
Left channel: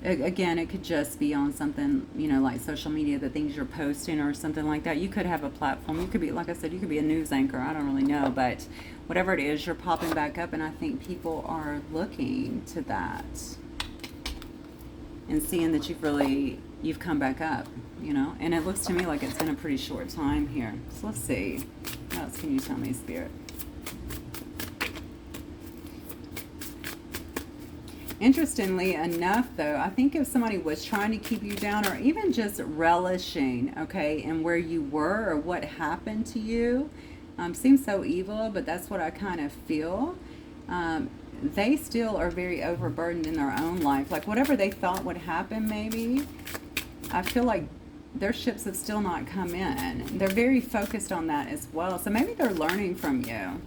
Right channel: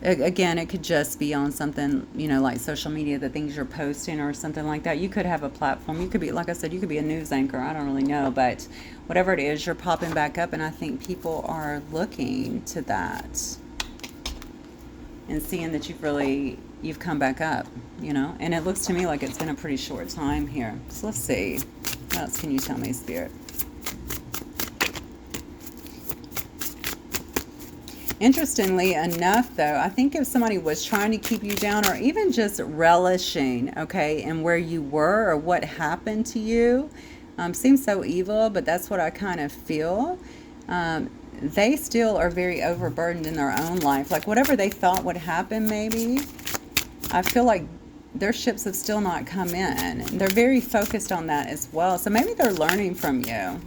again, it could just be on something, like social media, the things you're posting or something like that. You could have a platform. You could be, like I said, you could be a news anchor. I don't really know. But whatever it is, you're popping back up. And I think people are looking to that. and seeing that you've come back up, you know. And it looks to me like it's been a pretty short time here. So let's see. What else can you tell me, Spirit? Interestingly enough, though, I think if somebody was trying to keep you down, or even just relishing, okay, in where you were or what happened to you, seems so evil, but that's what I kind of feel. They still are very overburdened in their own life. Like whatever they thought would happen, maybe, I feel like their ships have still not come in. They're very focused on that as well. So maybe they're learning from you.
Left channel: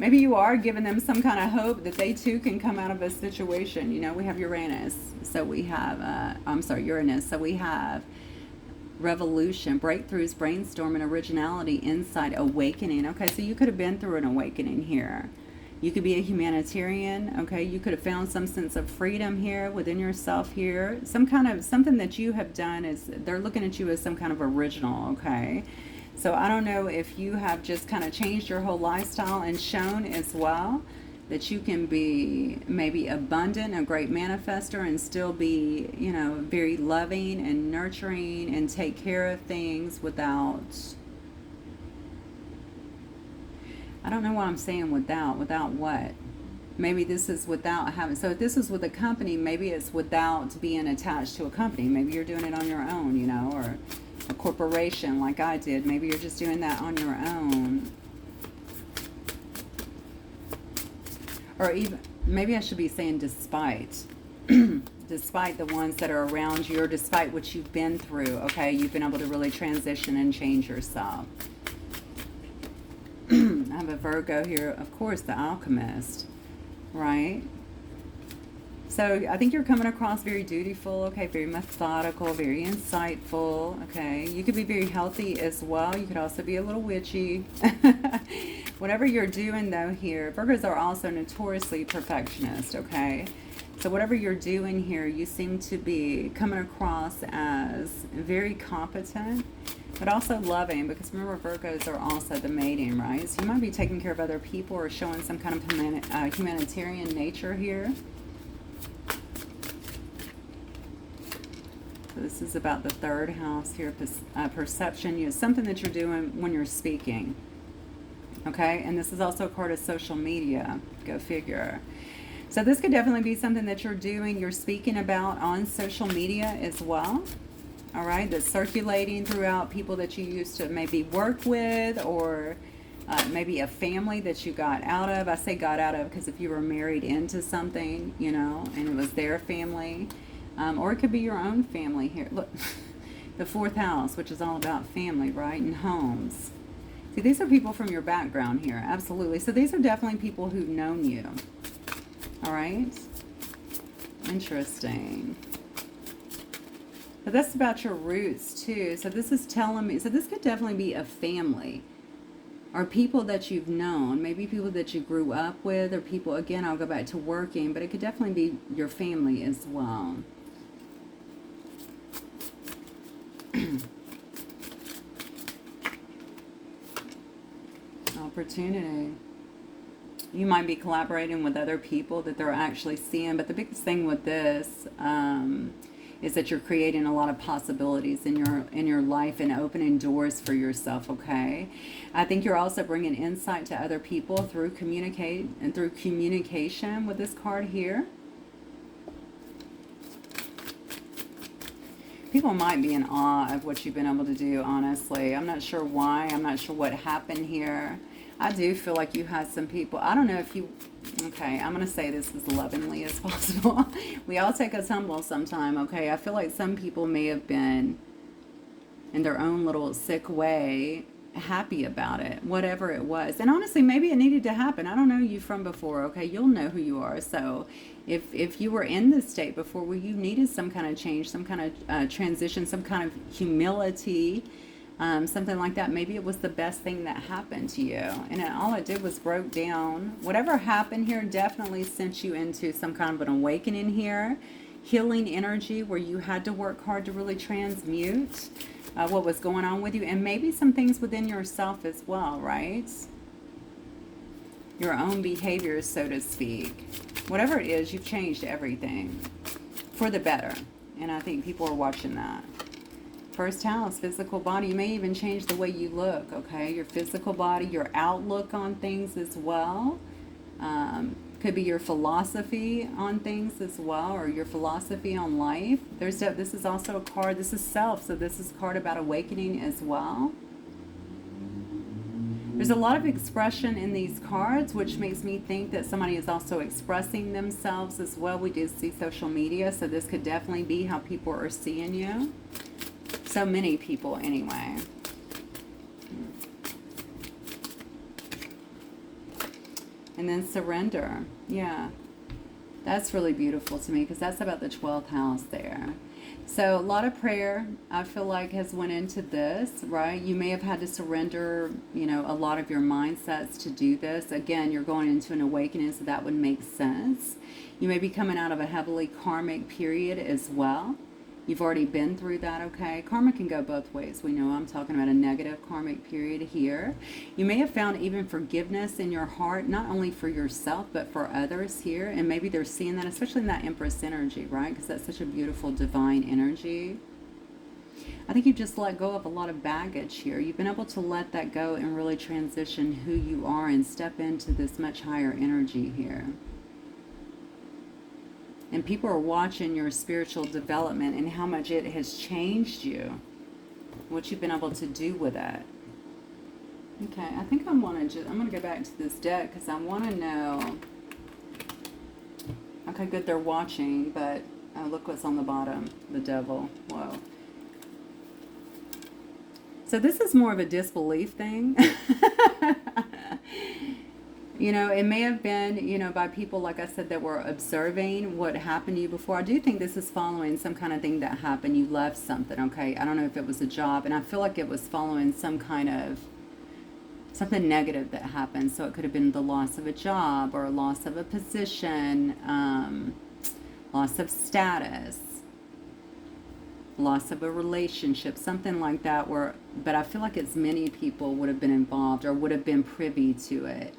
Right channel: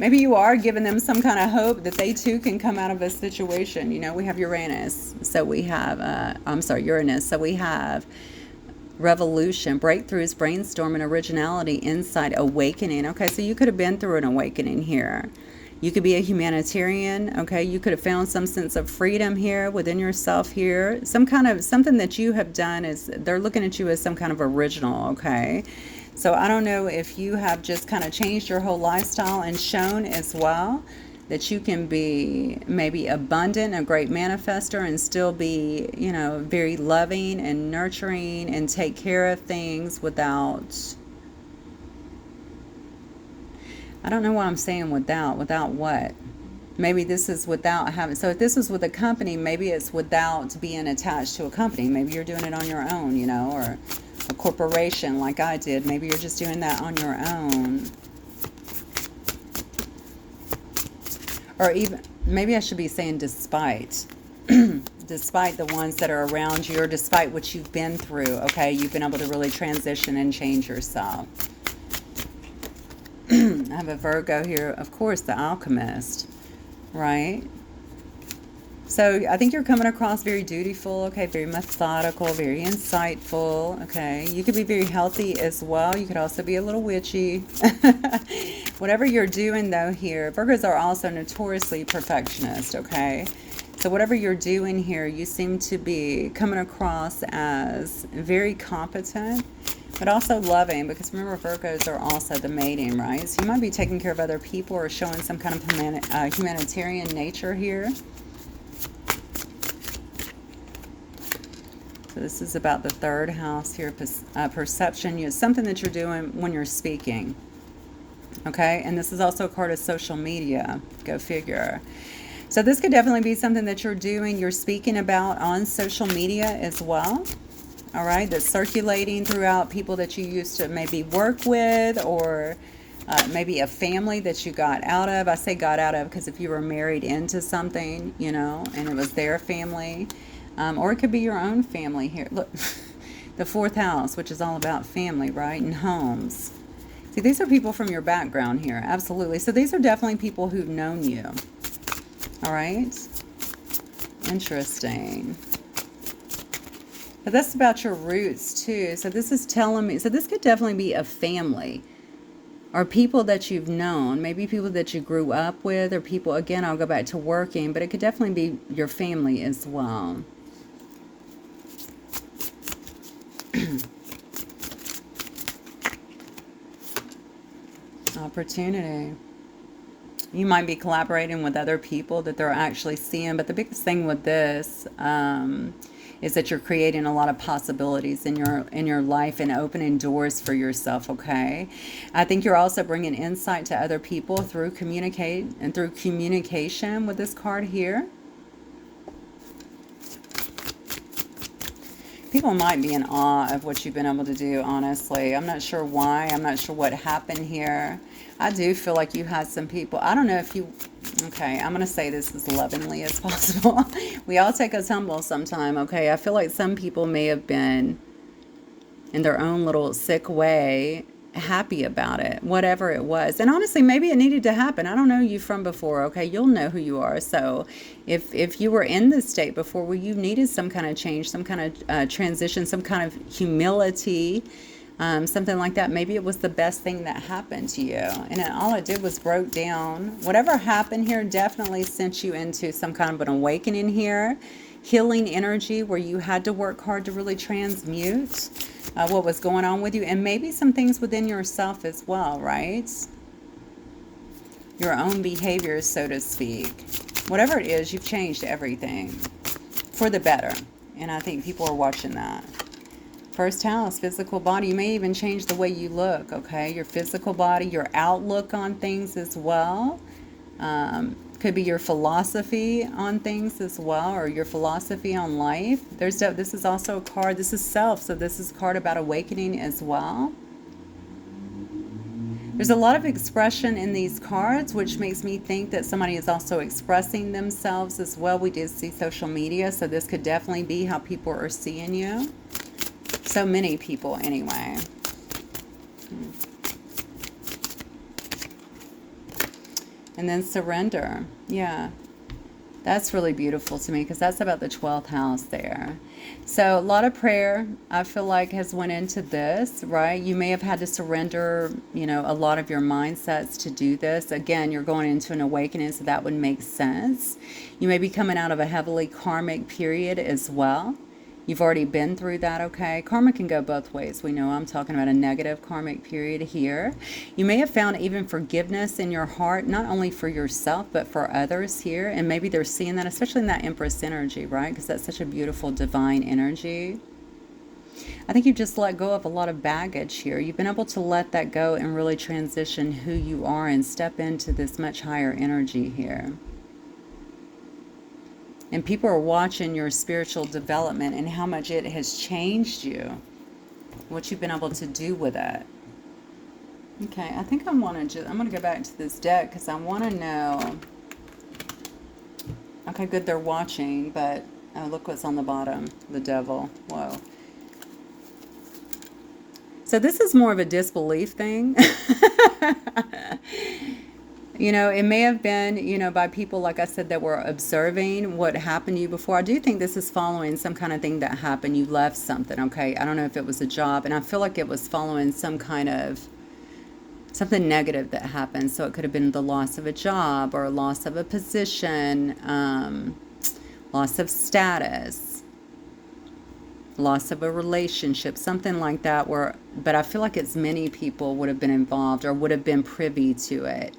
Maybe you are giving them some kind of hope that they too can come out of a situation. You know, we have Uranus, so we have, Uranus, so we have revolution, breakthroughs, brainstorming, originality, insight, awakening. Okay, so you could have been through an awakening here. You could be a humanitarian, okay? You could have found some sense of freedom here within yourself here. Something that you have done is, they're looking at you as some kind of original, okay? So I don't know if you have just kind of changed your whole lifestyle and shown as well that you can be maybe abundant, a great manifester, and still be, you know, very loving and nurturing and take care of things without, I don't know what I'm saying without what? Maybe this is without having, so if this was with a company, maybe it's without being attached to a company. Maybe you're doing it on your own, you know, or a corporation like I did. Maybe you're just doing that on your own. Or even, maybe I should be saying despite. Despite the ones that are around you, or despite what you've been through, okay? You've been able to really transition and change yourself. I have a Virgo here, of course, the alchemist, right? So I think you're coming across very dutiful, okay, very methodical, very insightful, okay? You could be very healthy as well. You could also be a little witchy. Whatever you're doing, though, here, Virgos are also notoriously perfectionist, okay? So whatever you're doing here, you seem to be coming across as very competent, but also loving, because remember, Virgos are also the mating, right? So you might be taking care of other people or showing some kind of humanitarian nature here. So this is about the third house here, perception. It's something that you're doing when you're speaking, okay? And this is also a card of social media, go figure. So this could definitely be something that you're doing, you're speaking about on social media as well. All right, that's circulating throughout people that you used to maybe work with, or maybe a family that you got out of. I say got out of because if you were married into something, you know, and it was their family, or it could be your own family here. Look, the fourth house, which is all about family, right, and homes. See, these are people from your background here, absolutely. So these are definitely people who've known you. All right, interesting. But that's about your roots too. So this is telling me, so this could definitely be a family, or people that you've known, maybe people that you grew up with, or people, again, I'll go back to working, but it could definitely be your family as well. Opportunity. You might be collaborating with other people that they're actually seeing, but the biggest thing with this is that you're creating a lot of possibilities in your life and opening doors for yourself, okay? I think you're also bringing insight to other people through communication with this card here. People might be in awe of what you've been able to do, honestly. I'm not sure why. I'm not sure what happened here. I do feel like you had some people. I don't know if you... Okay, I'm going to say this as lovingly as possible. We all take a tumble sometime, okay? I feel like some people may have been, in their own little sick way, happy about it, whatever it was. And honestly, maybe it needed to happen. I don't know you from before, okay? You'll know who you are. So if you were in this state before where you needed some kind of change, some kind of transition, some kind of humility, something like that, maybe it was the best thing that happened to you. And all it did was broke down. Whatever happened here definitely sent you into some kind of an awakening here, healing energy where you had to work hard to really transmute what was going on with you, and maybe some things within yourself as well, right? Your own behaviors, so to speak. Whatever it is, you've changed everything. for the better. And I think people are watching that. First house, physical body. You may even change the way you look, okay? Your physical body, your outlook on things as well. Could be your philosophy on things as well, or your philosophy on life. This is also a card. This is self, so this is a card about awakening as well. There's a lot of expression in these cards, which makes me think that somebody is also expressing themselves as well. We did see social media, so this could definitely be how people are seeing you. So many people, anyway. And then surrender. Yeah. That's really beautiful to me because that's about the 12th house there. So a lot of prayer, I feel like, has went into this, right? You may have had to surrender, a lot of your mindsets to do this. Again, you're going into an awakening, so that would make sense. You may be coming out of a heavily karmic period as well. You've already been through that, okay? Karma can go both ways. We know I'm talking about a negative karmic period here. You may have found even forgiveness in your heart, not only for yourself, but for others here. And maybe they're seeing that, especially in that Empress energy, right? Because that's such a beautiful divine energy. I think you've just let go of a lot of baggage here. You've been able to let that go and really transition who you are and step into this much higher energy here. And people are watching your spiritual development and how much it has changed you, what you've been able to do with it. Okay, I think I'm going to go back to this deck because I want to know. Okay, good, they're watching, but look what's on the bottom, the devil. Whoa. So this is more of a disbelief thing. It may have been, by people, like I said, that were observing what happened to you before. I do think this is following some kind of thing that happened. You left something, okay? I don't know if it was a job, and I feel like it was following some kind of something negative that happened. So it could have been the loss of a job or loss of a position, loss of status, loss of a relationship, something like that. But I feel like it's many people would have been involved or would have been privy to it.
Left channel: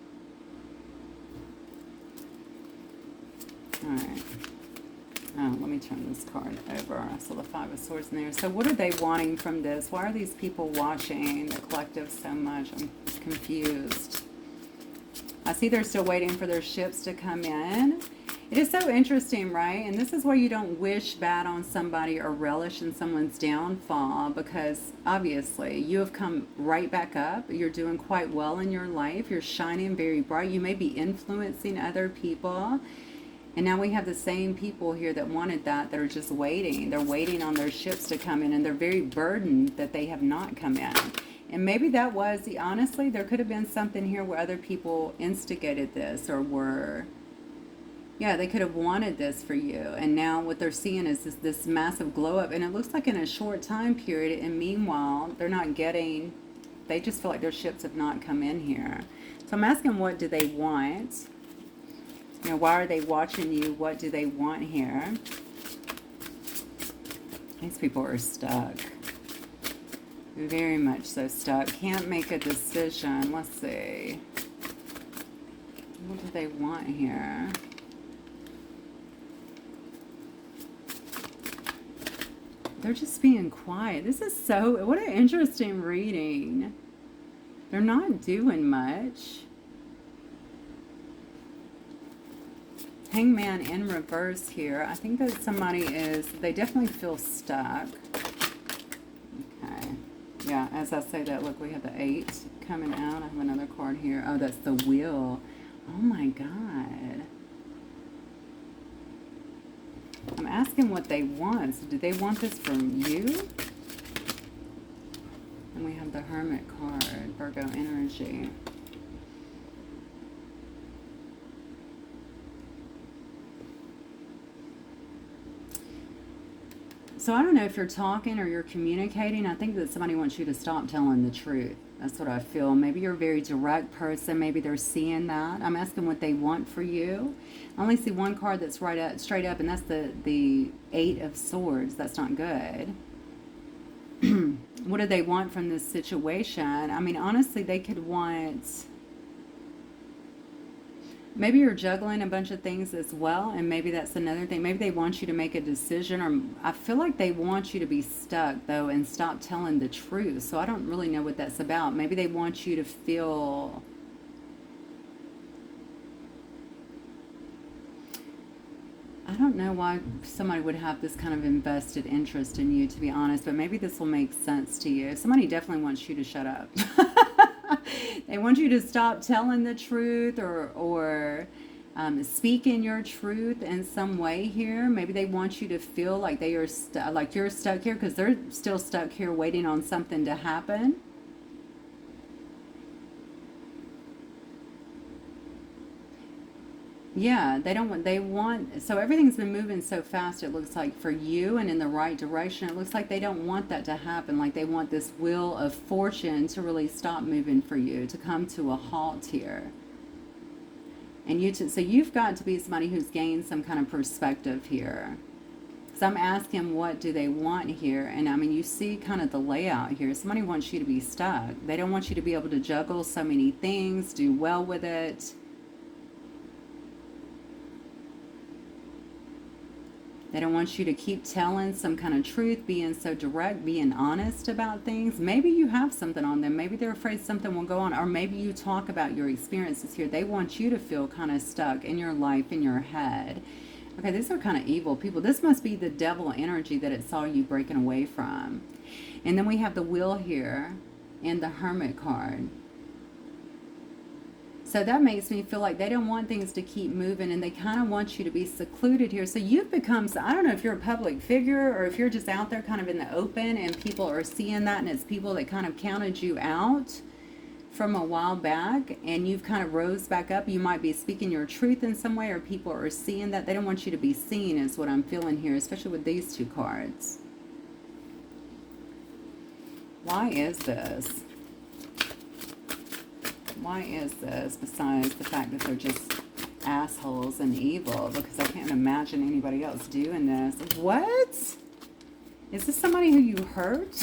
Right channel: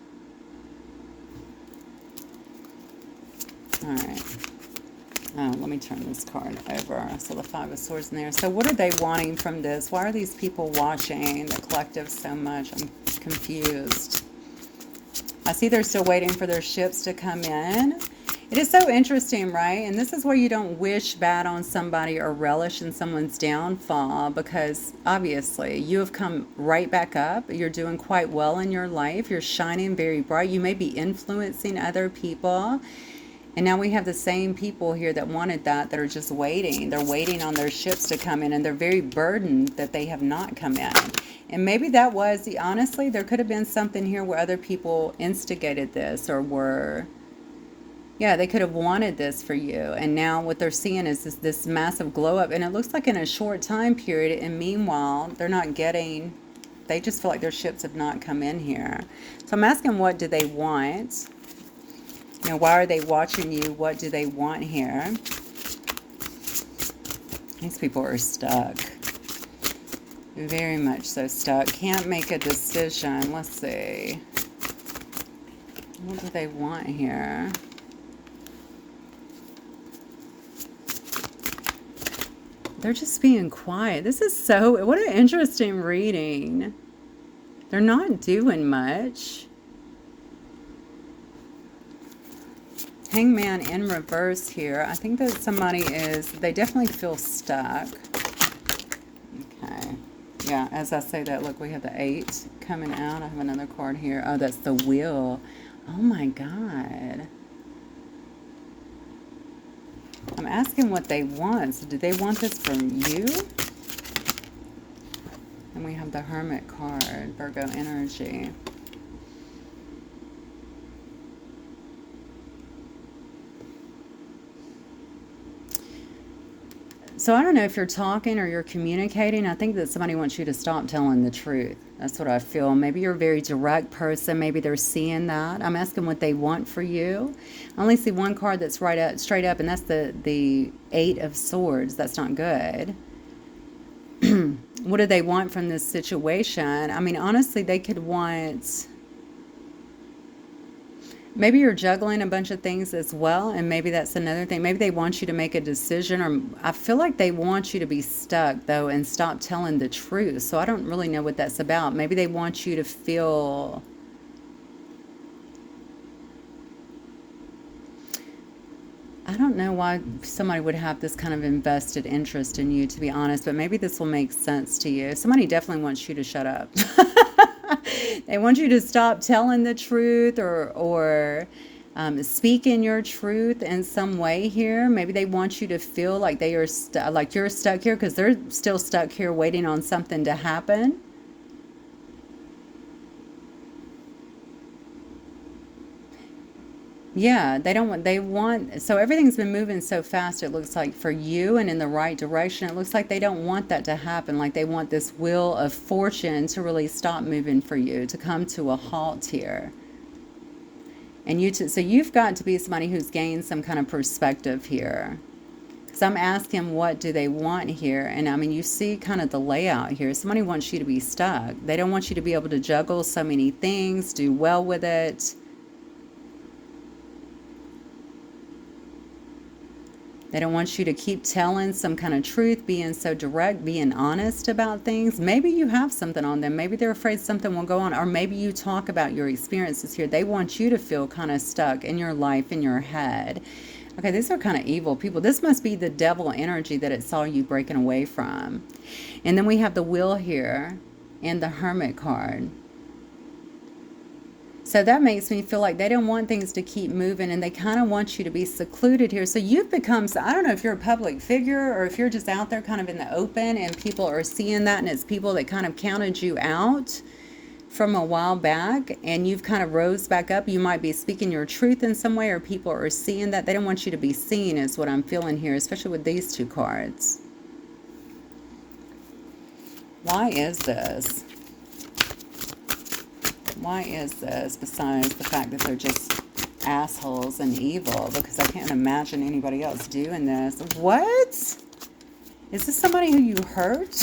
All right. Let me turn this card over. So the Five of Swords in there. So what are they wanting from this? Why are these people watching the collective so much? I'm confused. I see they're still waiting for their ships to come in. It is so interesting, right? And this is where you don't wish bad on somebody or relish in someone's downfall, because obviously you have come right back up. You're doing quite well in your life. You're shining very bright. You may be influencing other people. And now we have the same people here that wanted that are just waiting. They're waiting on their ships to come in, and they're very burdened that they have not come in. And maybe that was, honestly, there could have been something here where other people instigated this or were, they could have wanted this for you. And now what they're seeing is this massive glow up. And it looks like in a short time period. And meanwhile, they're not getting, they just feel like their ships have not come in here. So I'm asking, what do they want? Why are they watching you? What do they want here? These people are stuck. Very much so stuck. Can't make a decision. Let's see. What do they want here? They're just being quiet. This is what an interesting reading. They're not doing much. Hangman in reverse here. I think that somebody they definitely feel stuck. Okay. Yeah, as I say that, look, we have the 8 coming out. I have another card here. Oh, that's the Wheel. Oh my God. I'm asking what they want. So do they want this from you? And we have the Hermit card, Virgo energy. So I don't know if you're talking or you're communicating. I think that somebody wants you to stop telling the truth. That's what I feel. Maybe you're a very direct person. Maybe they're seeing that. I'm asking what they want for you. I only see one card that's straight up, and that's the 8 of Swords. That's not good. What do they want from this situation? I mean, honestly, they could want... Maybe you're juggling a bunch of things as well, and maybe that's another thing. Maybe they want you to make a decision, or I feel like they want you to be stuck, though, and stop telling the truth. So I don't really know what that's about. Maybe they want you to feel... I don't know why somebody would have this kind of invested interest in you, to be honest, but maybe this will make sense to you. Somebody definitely wants you to shut up. They want you to stop telling the truth, or speak in your truth in some way here. Maybe they want you to feel like they are like you're stuck here because they're still stuck here waiting on something to happen. Yeah, they want, so everything's been moving so fast, it looks like, for you and in the right direction. It looks like they don't want that to happen. Like they want this wheel of fortune to really stop moving for you, to come to a halt here. And so you've got to be somebody who's gained some kind of perspective here. So I'm asking, what do they want here? And I mean, you see kind of the layout here. Somebody wants you to be stuck. They don't want you to be able to juggle so many things, do well with it. They don't want you to keep telling some kind of truth, being so direct, being honest about things. Maybe you have something on them. Maybe they're afraid something will go on. Or maybe you talk about your experiences here. They want you to feel kind of stuck in your life, in your head. Okay, these are kind of evil people. This must be the devil energy that it saw you breaking away from. And then we have the Wheel here and the Hermit card. So that makes me feel like they don't want things to keep moving, and they kind of want you to be secluded here. So you've become, I don't know if you're a public figure or if you're just out there kind of in the open and people are seeing that, and it's people that kind of counted you out from a while back and you've kind of rose back up. You might be speaking your truth in some way, or people are seeing that. They don't want you to be seen, is what I'm feeling here, especially with these two cards. Why is this? Why is this, besides the fact that they're just assholes and evil? Because I can't imagine anybody else doing this. What? Is this somebody who you hurt?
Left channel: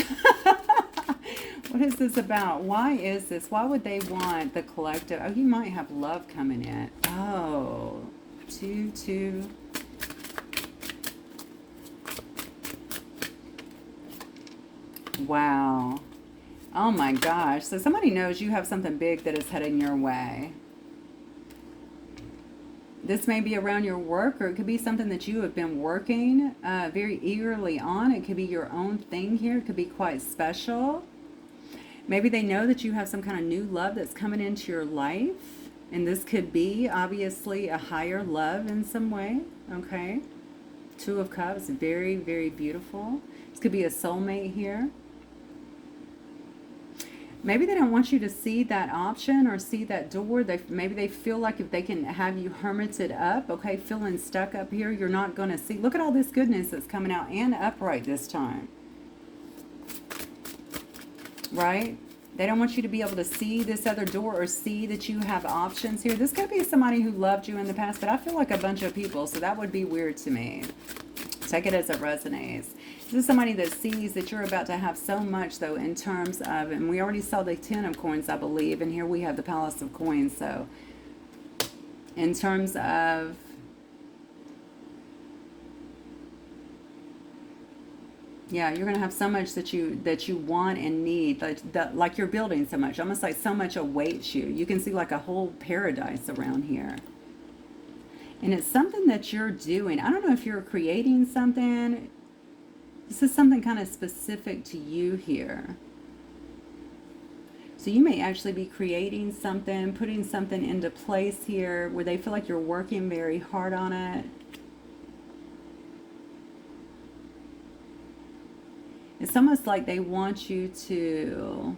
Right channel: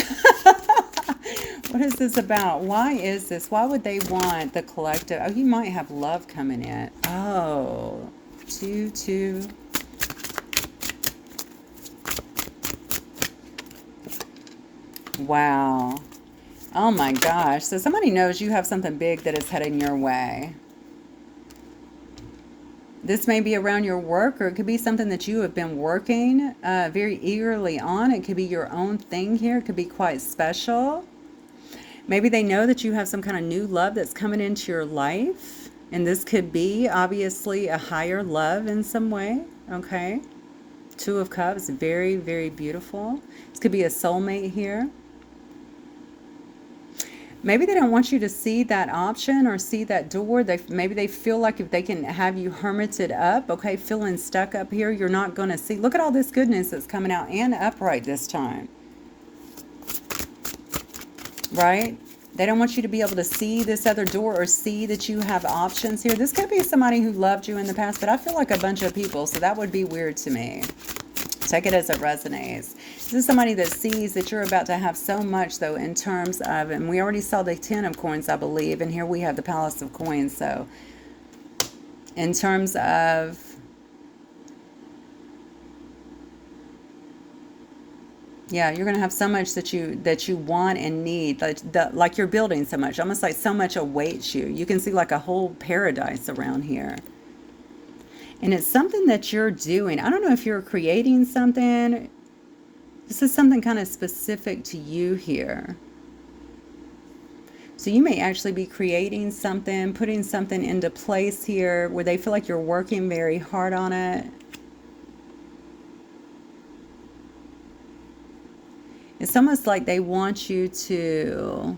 What is this about? Why is this? Why would they want the collective? Oh, you might have love coming in. Oh, 2. Wow. Oh my gosh. So somebody knows you have something big that is heading your way. This may be around your work, or it could be something that you have been working very eagerly on. It could be your own thing here. It could be quite special. Maybe they know that you have some kind of new love that's coming into your life. And this could be, obviously, a higher love in some way. Okay. 2 of Cups. Very, very beautiful. This could be a soulmate here. Maybe they don't want you to see that option or see that door. Maybe they feel like if they can have you hermited up, okay, feeling stuck up here, you're not going to see. Look at all this goodness that's coming out, and upright this time. Right? They don't want you to be able to see this other door or see that you have options here. This could be somebody who loved you in the past, but I feel like a bunch of people, so that would be weird to me. Take it as it resonates. This is somebody that sees that you're about to have so much, though, in terms of, and we already saw the 10 of coins, I believe, and here we have the Palace of Coins. So in terms of, yeah, you're going to have so much that you want and need, like you're building so much, almost like so much awaits you. You can see like a whole paradise around here. And it's something that you're doing. I don't know if you're creating something. This is something kind of specific to you here. So you may actually be creating something, putting something into place here where they feel like you're working very hard on it. It's almost like they want you to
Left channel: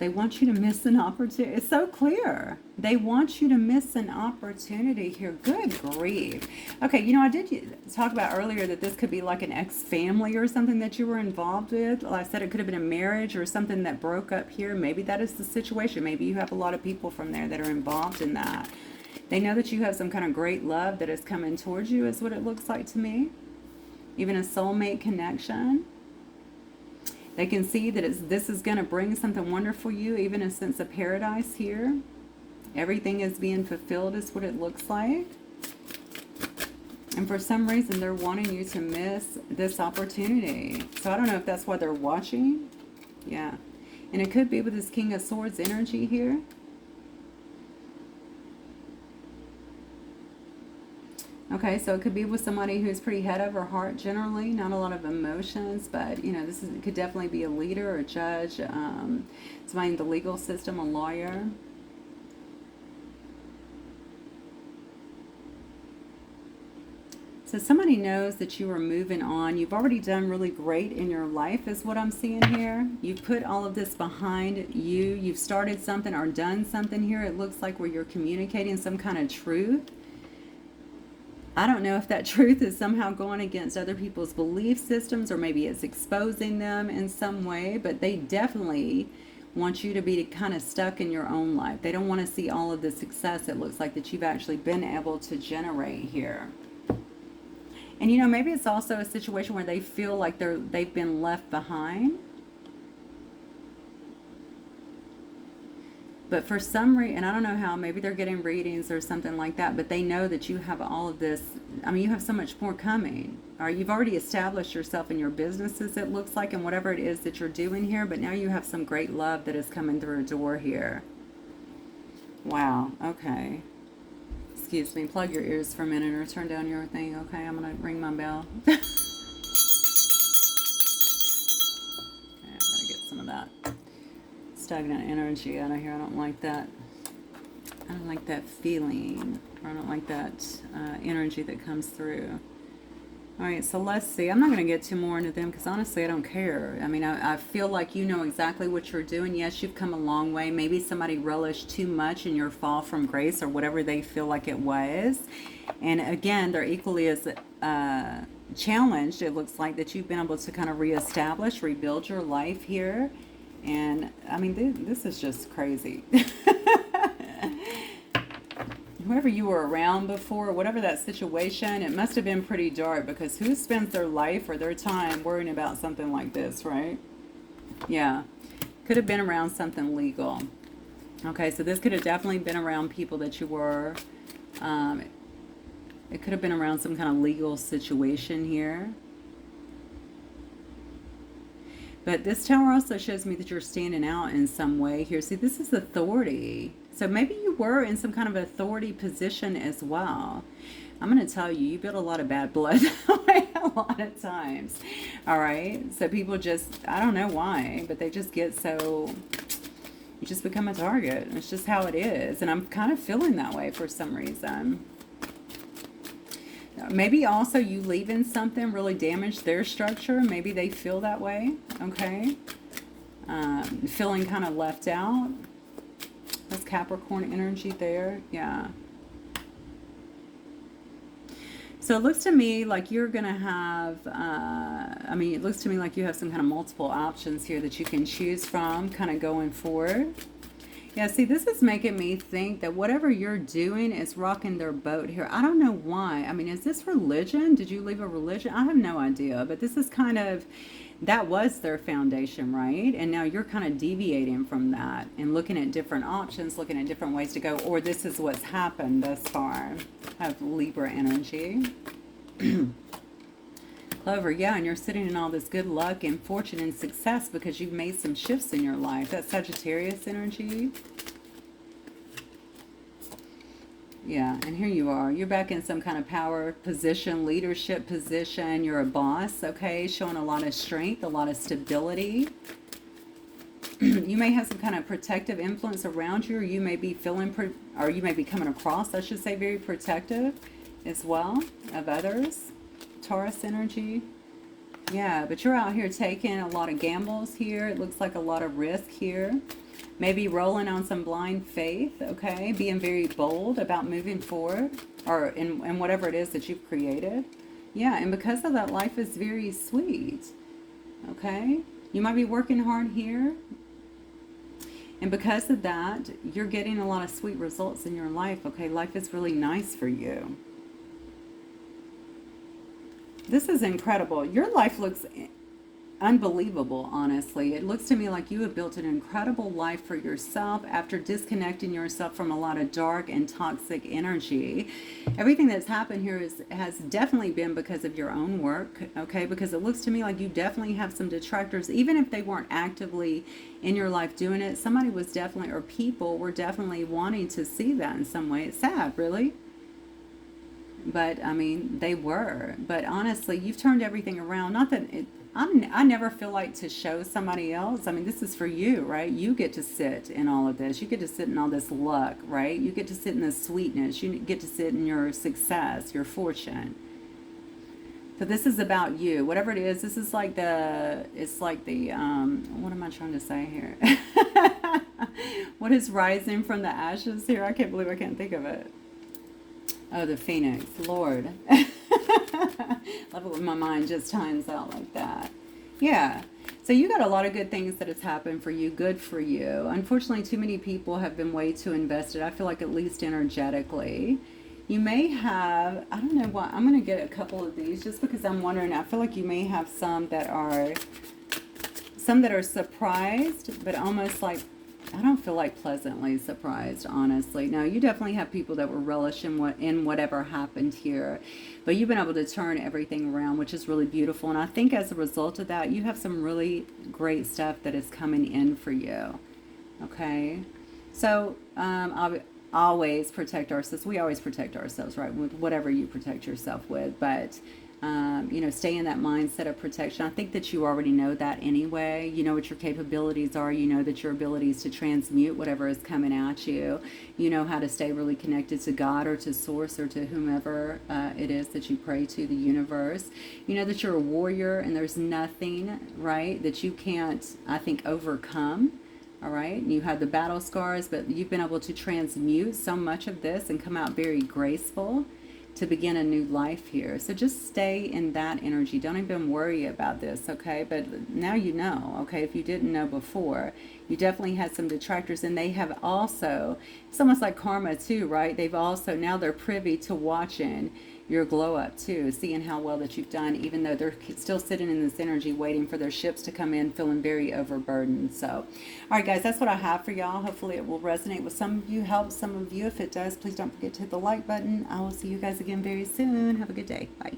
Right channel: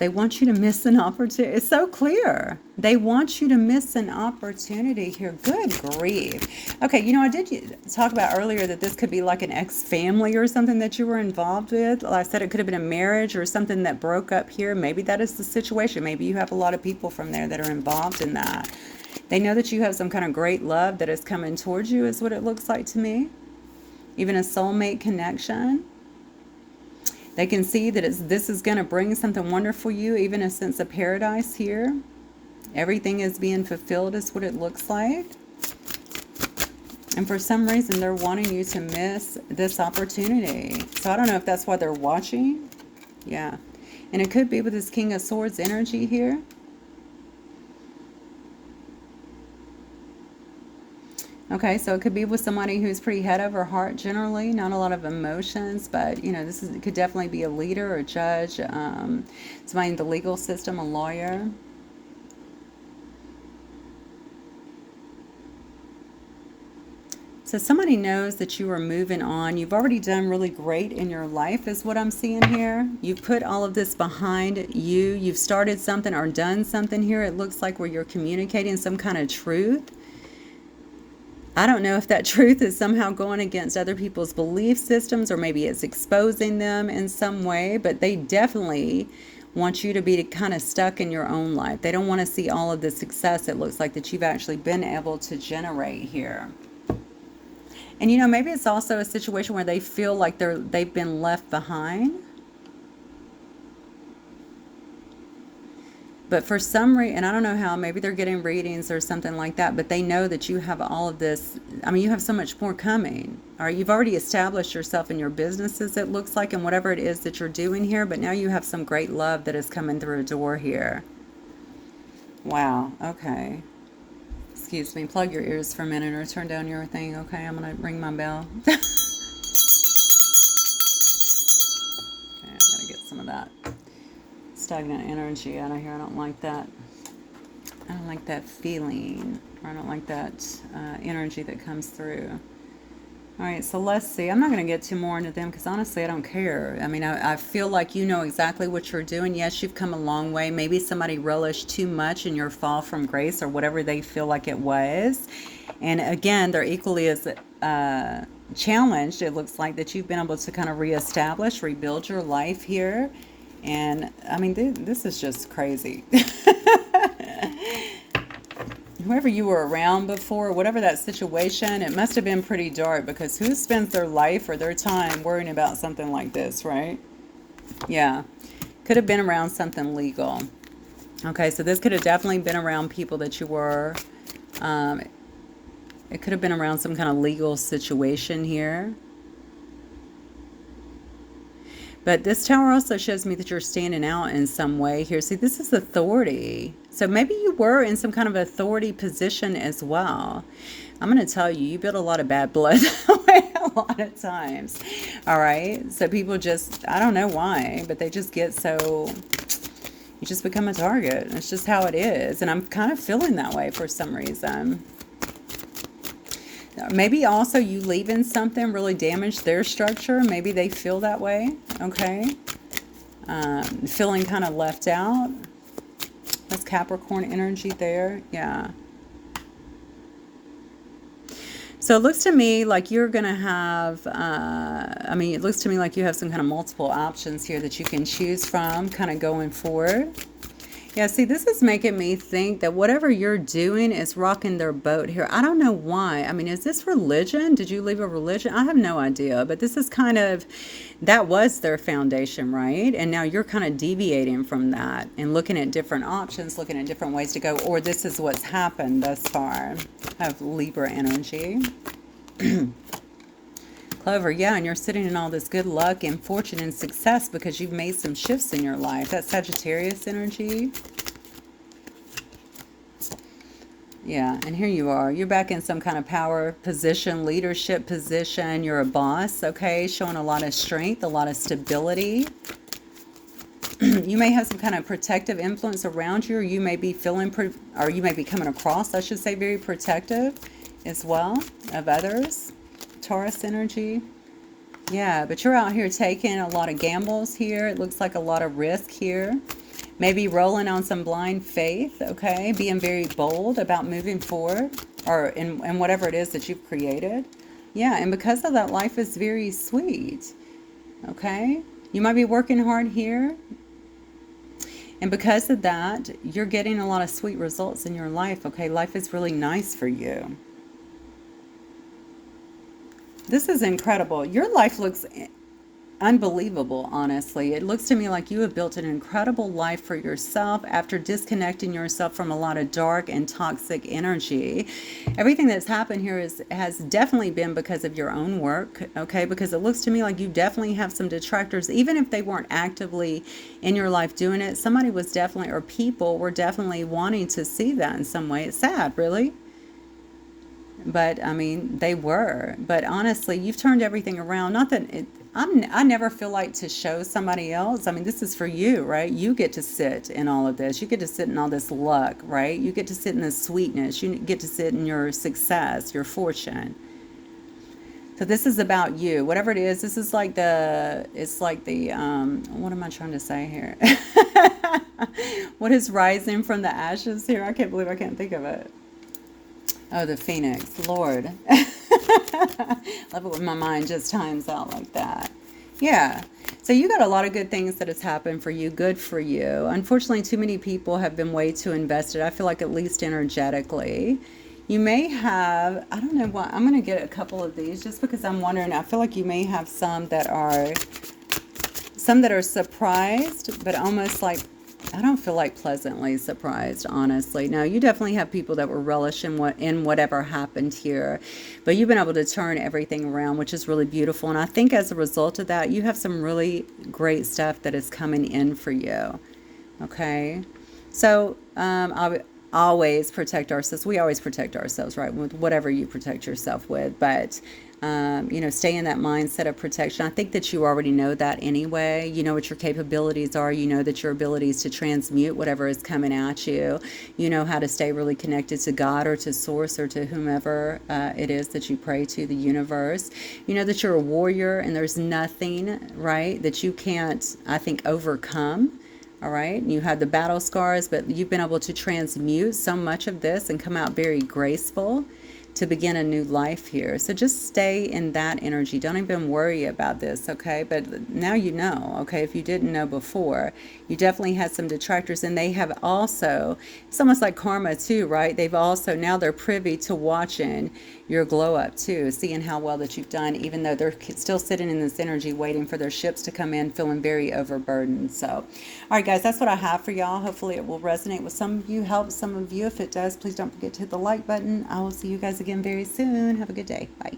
miss an opportunity. It's so clear. They want you to miss an opportunity here. Good grief. Okay, you know, I did talk about earlier that this could be like an ex-family or something that you were involved with. Like I said, it could have been a marriage or something that broke up here. Maybe that is the situation. Maybe you have a lot of people from there that are involved in that. They know that you have some kind of great love that is coming towards you, is what it looks like to me. Even a soulmate connection. They can see that this is going to bring something wonderful for you, even a sense of paradise here. Everything is being fulfilled is what it looks like. And for some reason, they're wanting you to miss this opportunity. So I don't know if that's why they're watching. Yeah. And it could be with this King of Swords energy here. Okay, so it could be with somebody who's pretty head over heart generally, not a lot of emotions, but, you know, it could definitely be a leader or a judge, somebody in the legal system, a lawyer. So somebody knows that you are moving on. You've already done really great in your life is what I'm seeing here. You've put all of this behind you. You've started something or done something here. It looks like where you're communicating some kind of truth. I don't know if that truth is somehow going against other people's belief systems, or maybe it's exposing them in some way, but they definitely want you to be kind of stuck in your own life. They don't want to see all of the success it looks like that you've actually been able to generate here. And, you know, maybe it's also a situation where they feel like they've been left behind. But for some reason, and I don't know how, maybe they're getting readings or something like that, but they know that you have all of this. I mean, you have so much more coming. All right, you've already established yourself in your businesses, it looks like, and whatever it is that you're doing here, but now you have some great love that is coming through a door here. Wow, okay. Excuse me, plug your ears for a minute or turn down your thing, okay? I'm going to ring my bell. Okay, I'm going to get some of that stagnant energy out of here. I don't like that. I don't like that feeling. Or I don't like that energy that comes through. All right, so let's see. I'm not going to get too more into them because honestly, I don't care. I mean, I feel like you know exactly what you're doing. Yes, you've come a long way. Maybe somebody relished too much in your fall from grace or whatever they feel like it was. And again, they're equally as challenged. It looks like that you've been able to kind of reestablish, rebuild your life here. And I mean, this is just crazy. Whoever you were around before, whatever that situation, it must have been pretty dark, because who spends their life or their time worrying about something like this, right? Yeah. Could have been around something legal. Okay, so this could have definitely been around people that you were. It could have been around some kind of legal situation here. But this tower also shows me that you're standing out in some way here. See, this is authority. So maybe you were in some kind of authority position as well. I'm going to tell you, you build a lot of bad blood a lot of times. All right. So people just, I don't know why, but they just get so, you just become a target. It's just how it is. And I'm kind of feeling that way for some reason. Maybe also you leaving something really damaged their structure. Maybe they feel that way. Okay. Feeling kind of left out. That's Capricorn energy there. Yeah. So it looks to me like you're going to have, I mean, it looks to me like you have some kind of multiple options here that you can choose from kind of going forward. Yeah, see, this is making me think that whatever you're doing is rocking their boat here. I don't know why. I mean, is this religion? Did you leave a religion? I have no idea. But this is kind of, that was their foundation, right? And now you're kind of deviating from that and looking at different options, looking at different ways to go. Or this is what's happened thus far. I have Libra energy. Clover, yeah, and you're sitting in all this good luck and fortune and success because you've made some shifts in your life. That's Sagittarius energy. Yeah, and here you are. You're back in some kind of power position, leadership position. You're a boss, okay? Showing a lot of strength, a lot of stability. You may have some kind of protective influence around you, or you may be feeling, or you may be coming across, I should say, very protective as well of others. Taurus energy. Yeah, but you're out here taking a lot of gambles here. It looks like a lot of risk here. Maybe rolling on some blind faith, okay? Being very bold about moving forward or in whatever it is that you've created. Yeah, and because of that, life is very sweet, okay? You might be working hard here. And because of that, you're getting a lot of sweet results in your life, okay? Life is really nice for you. This is incredible. Your life looks unbelievable, honestly. It looks to me like you have built an incredible life for yourself after disconnecting yourself from a lot of dark and toxic energy. Everything that's happened here has definitely been because of your own work, okay? Because it looks to me like you definitely have some detractors, even if they weren't actively in your life doing it. Somebody was definitely, or people were definitely wanting to see that in some way. It's sad, really. But I mean, they were. But honestly, you've turned everything around. Not that I never feel like to show somebody else. I mean, this is for you, right? You get to sit in all of this. You get to sit in all this luck, right? You get to sit in this sweetness. You get to sit in your success, your fortune. So this is about you. Whatever it is, this is like it's like the, what am I trying to say here? What is rising from the ashes here? I can't believe I can't think of it. Oh, the phoenix, Lord. Love it when my mind just times out like that. Yeah. So you got a lot of good things that has happened for you. Good for you. Unfortunately, too many people have been way too invested. I feel like at least energetically. You may have, I don't know what, I'm going to get a couple of these just because I'm wondering. I feel like you may have some that are surprised, but almost like, I don't feel like pleasantly surprised, honestly. No, you definitely have people that were relishing in whatever happened here. But you've been able to turn everything around, which is really beautiful. And I think as a result of that, you have some really great stuff that is coming in for you. Okay? So, always protect ourselves. We always protect ourselves, right? With whatever you protect yourself with. But stay in that mindset of protection. I think that you already know that anyway. You know what your capabilities are. You know that your abilities to transmute whatever is coming at you. You know how to stay really connected to God or to Source or to whomever it is that you pray to, the universe. You know that you're a warrior and there's nothing, right, that you can't, I think, overcome. All right. You have the battle scars, but you've been able to transmute so much of this and come out very graceful to begin a new life here. So just stay in that energy. Don't even worry about this, okay? But now you know, okay? If you didn't know before, you definitely had some detractors, and they have also, it's almost like karma too, right? They've also, now they're privy to watching your glow up too, seeing how well that you've done, even though they're still sitting in this energy waiting for their ships to come in, feeling very overburdened. So, all right, guys, that's what I have for y'all. Hopefully it will resonate with some of you, help some of you. If it does, please don't forget to hit the like button. I will see you guys again very soon. Have a good day. Bye.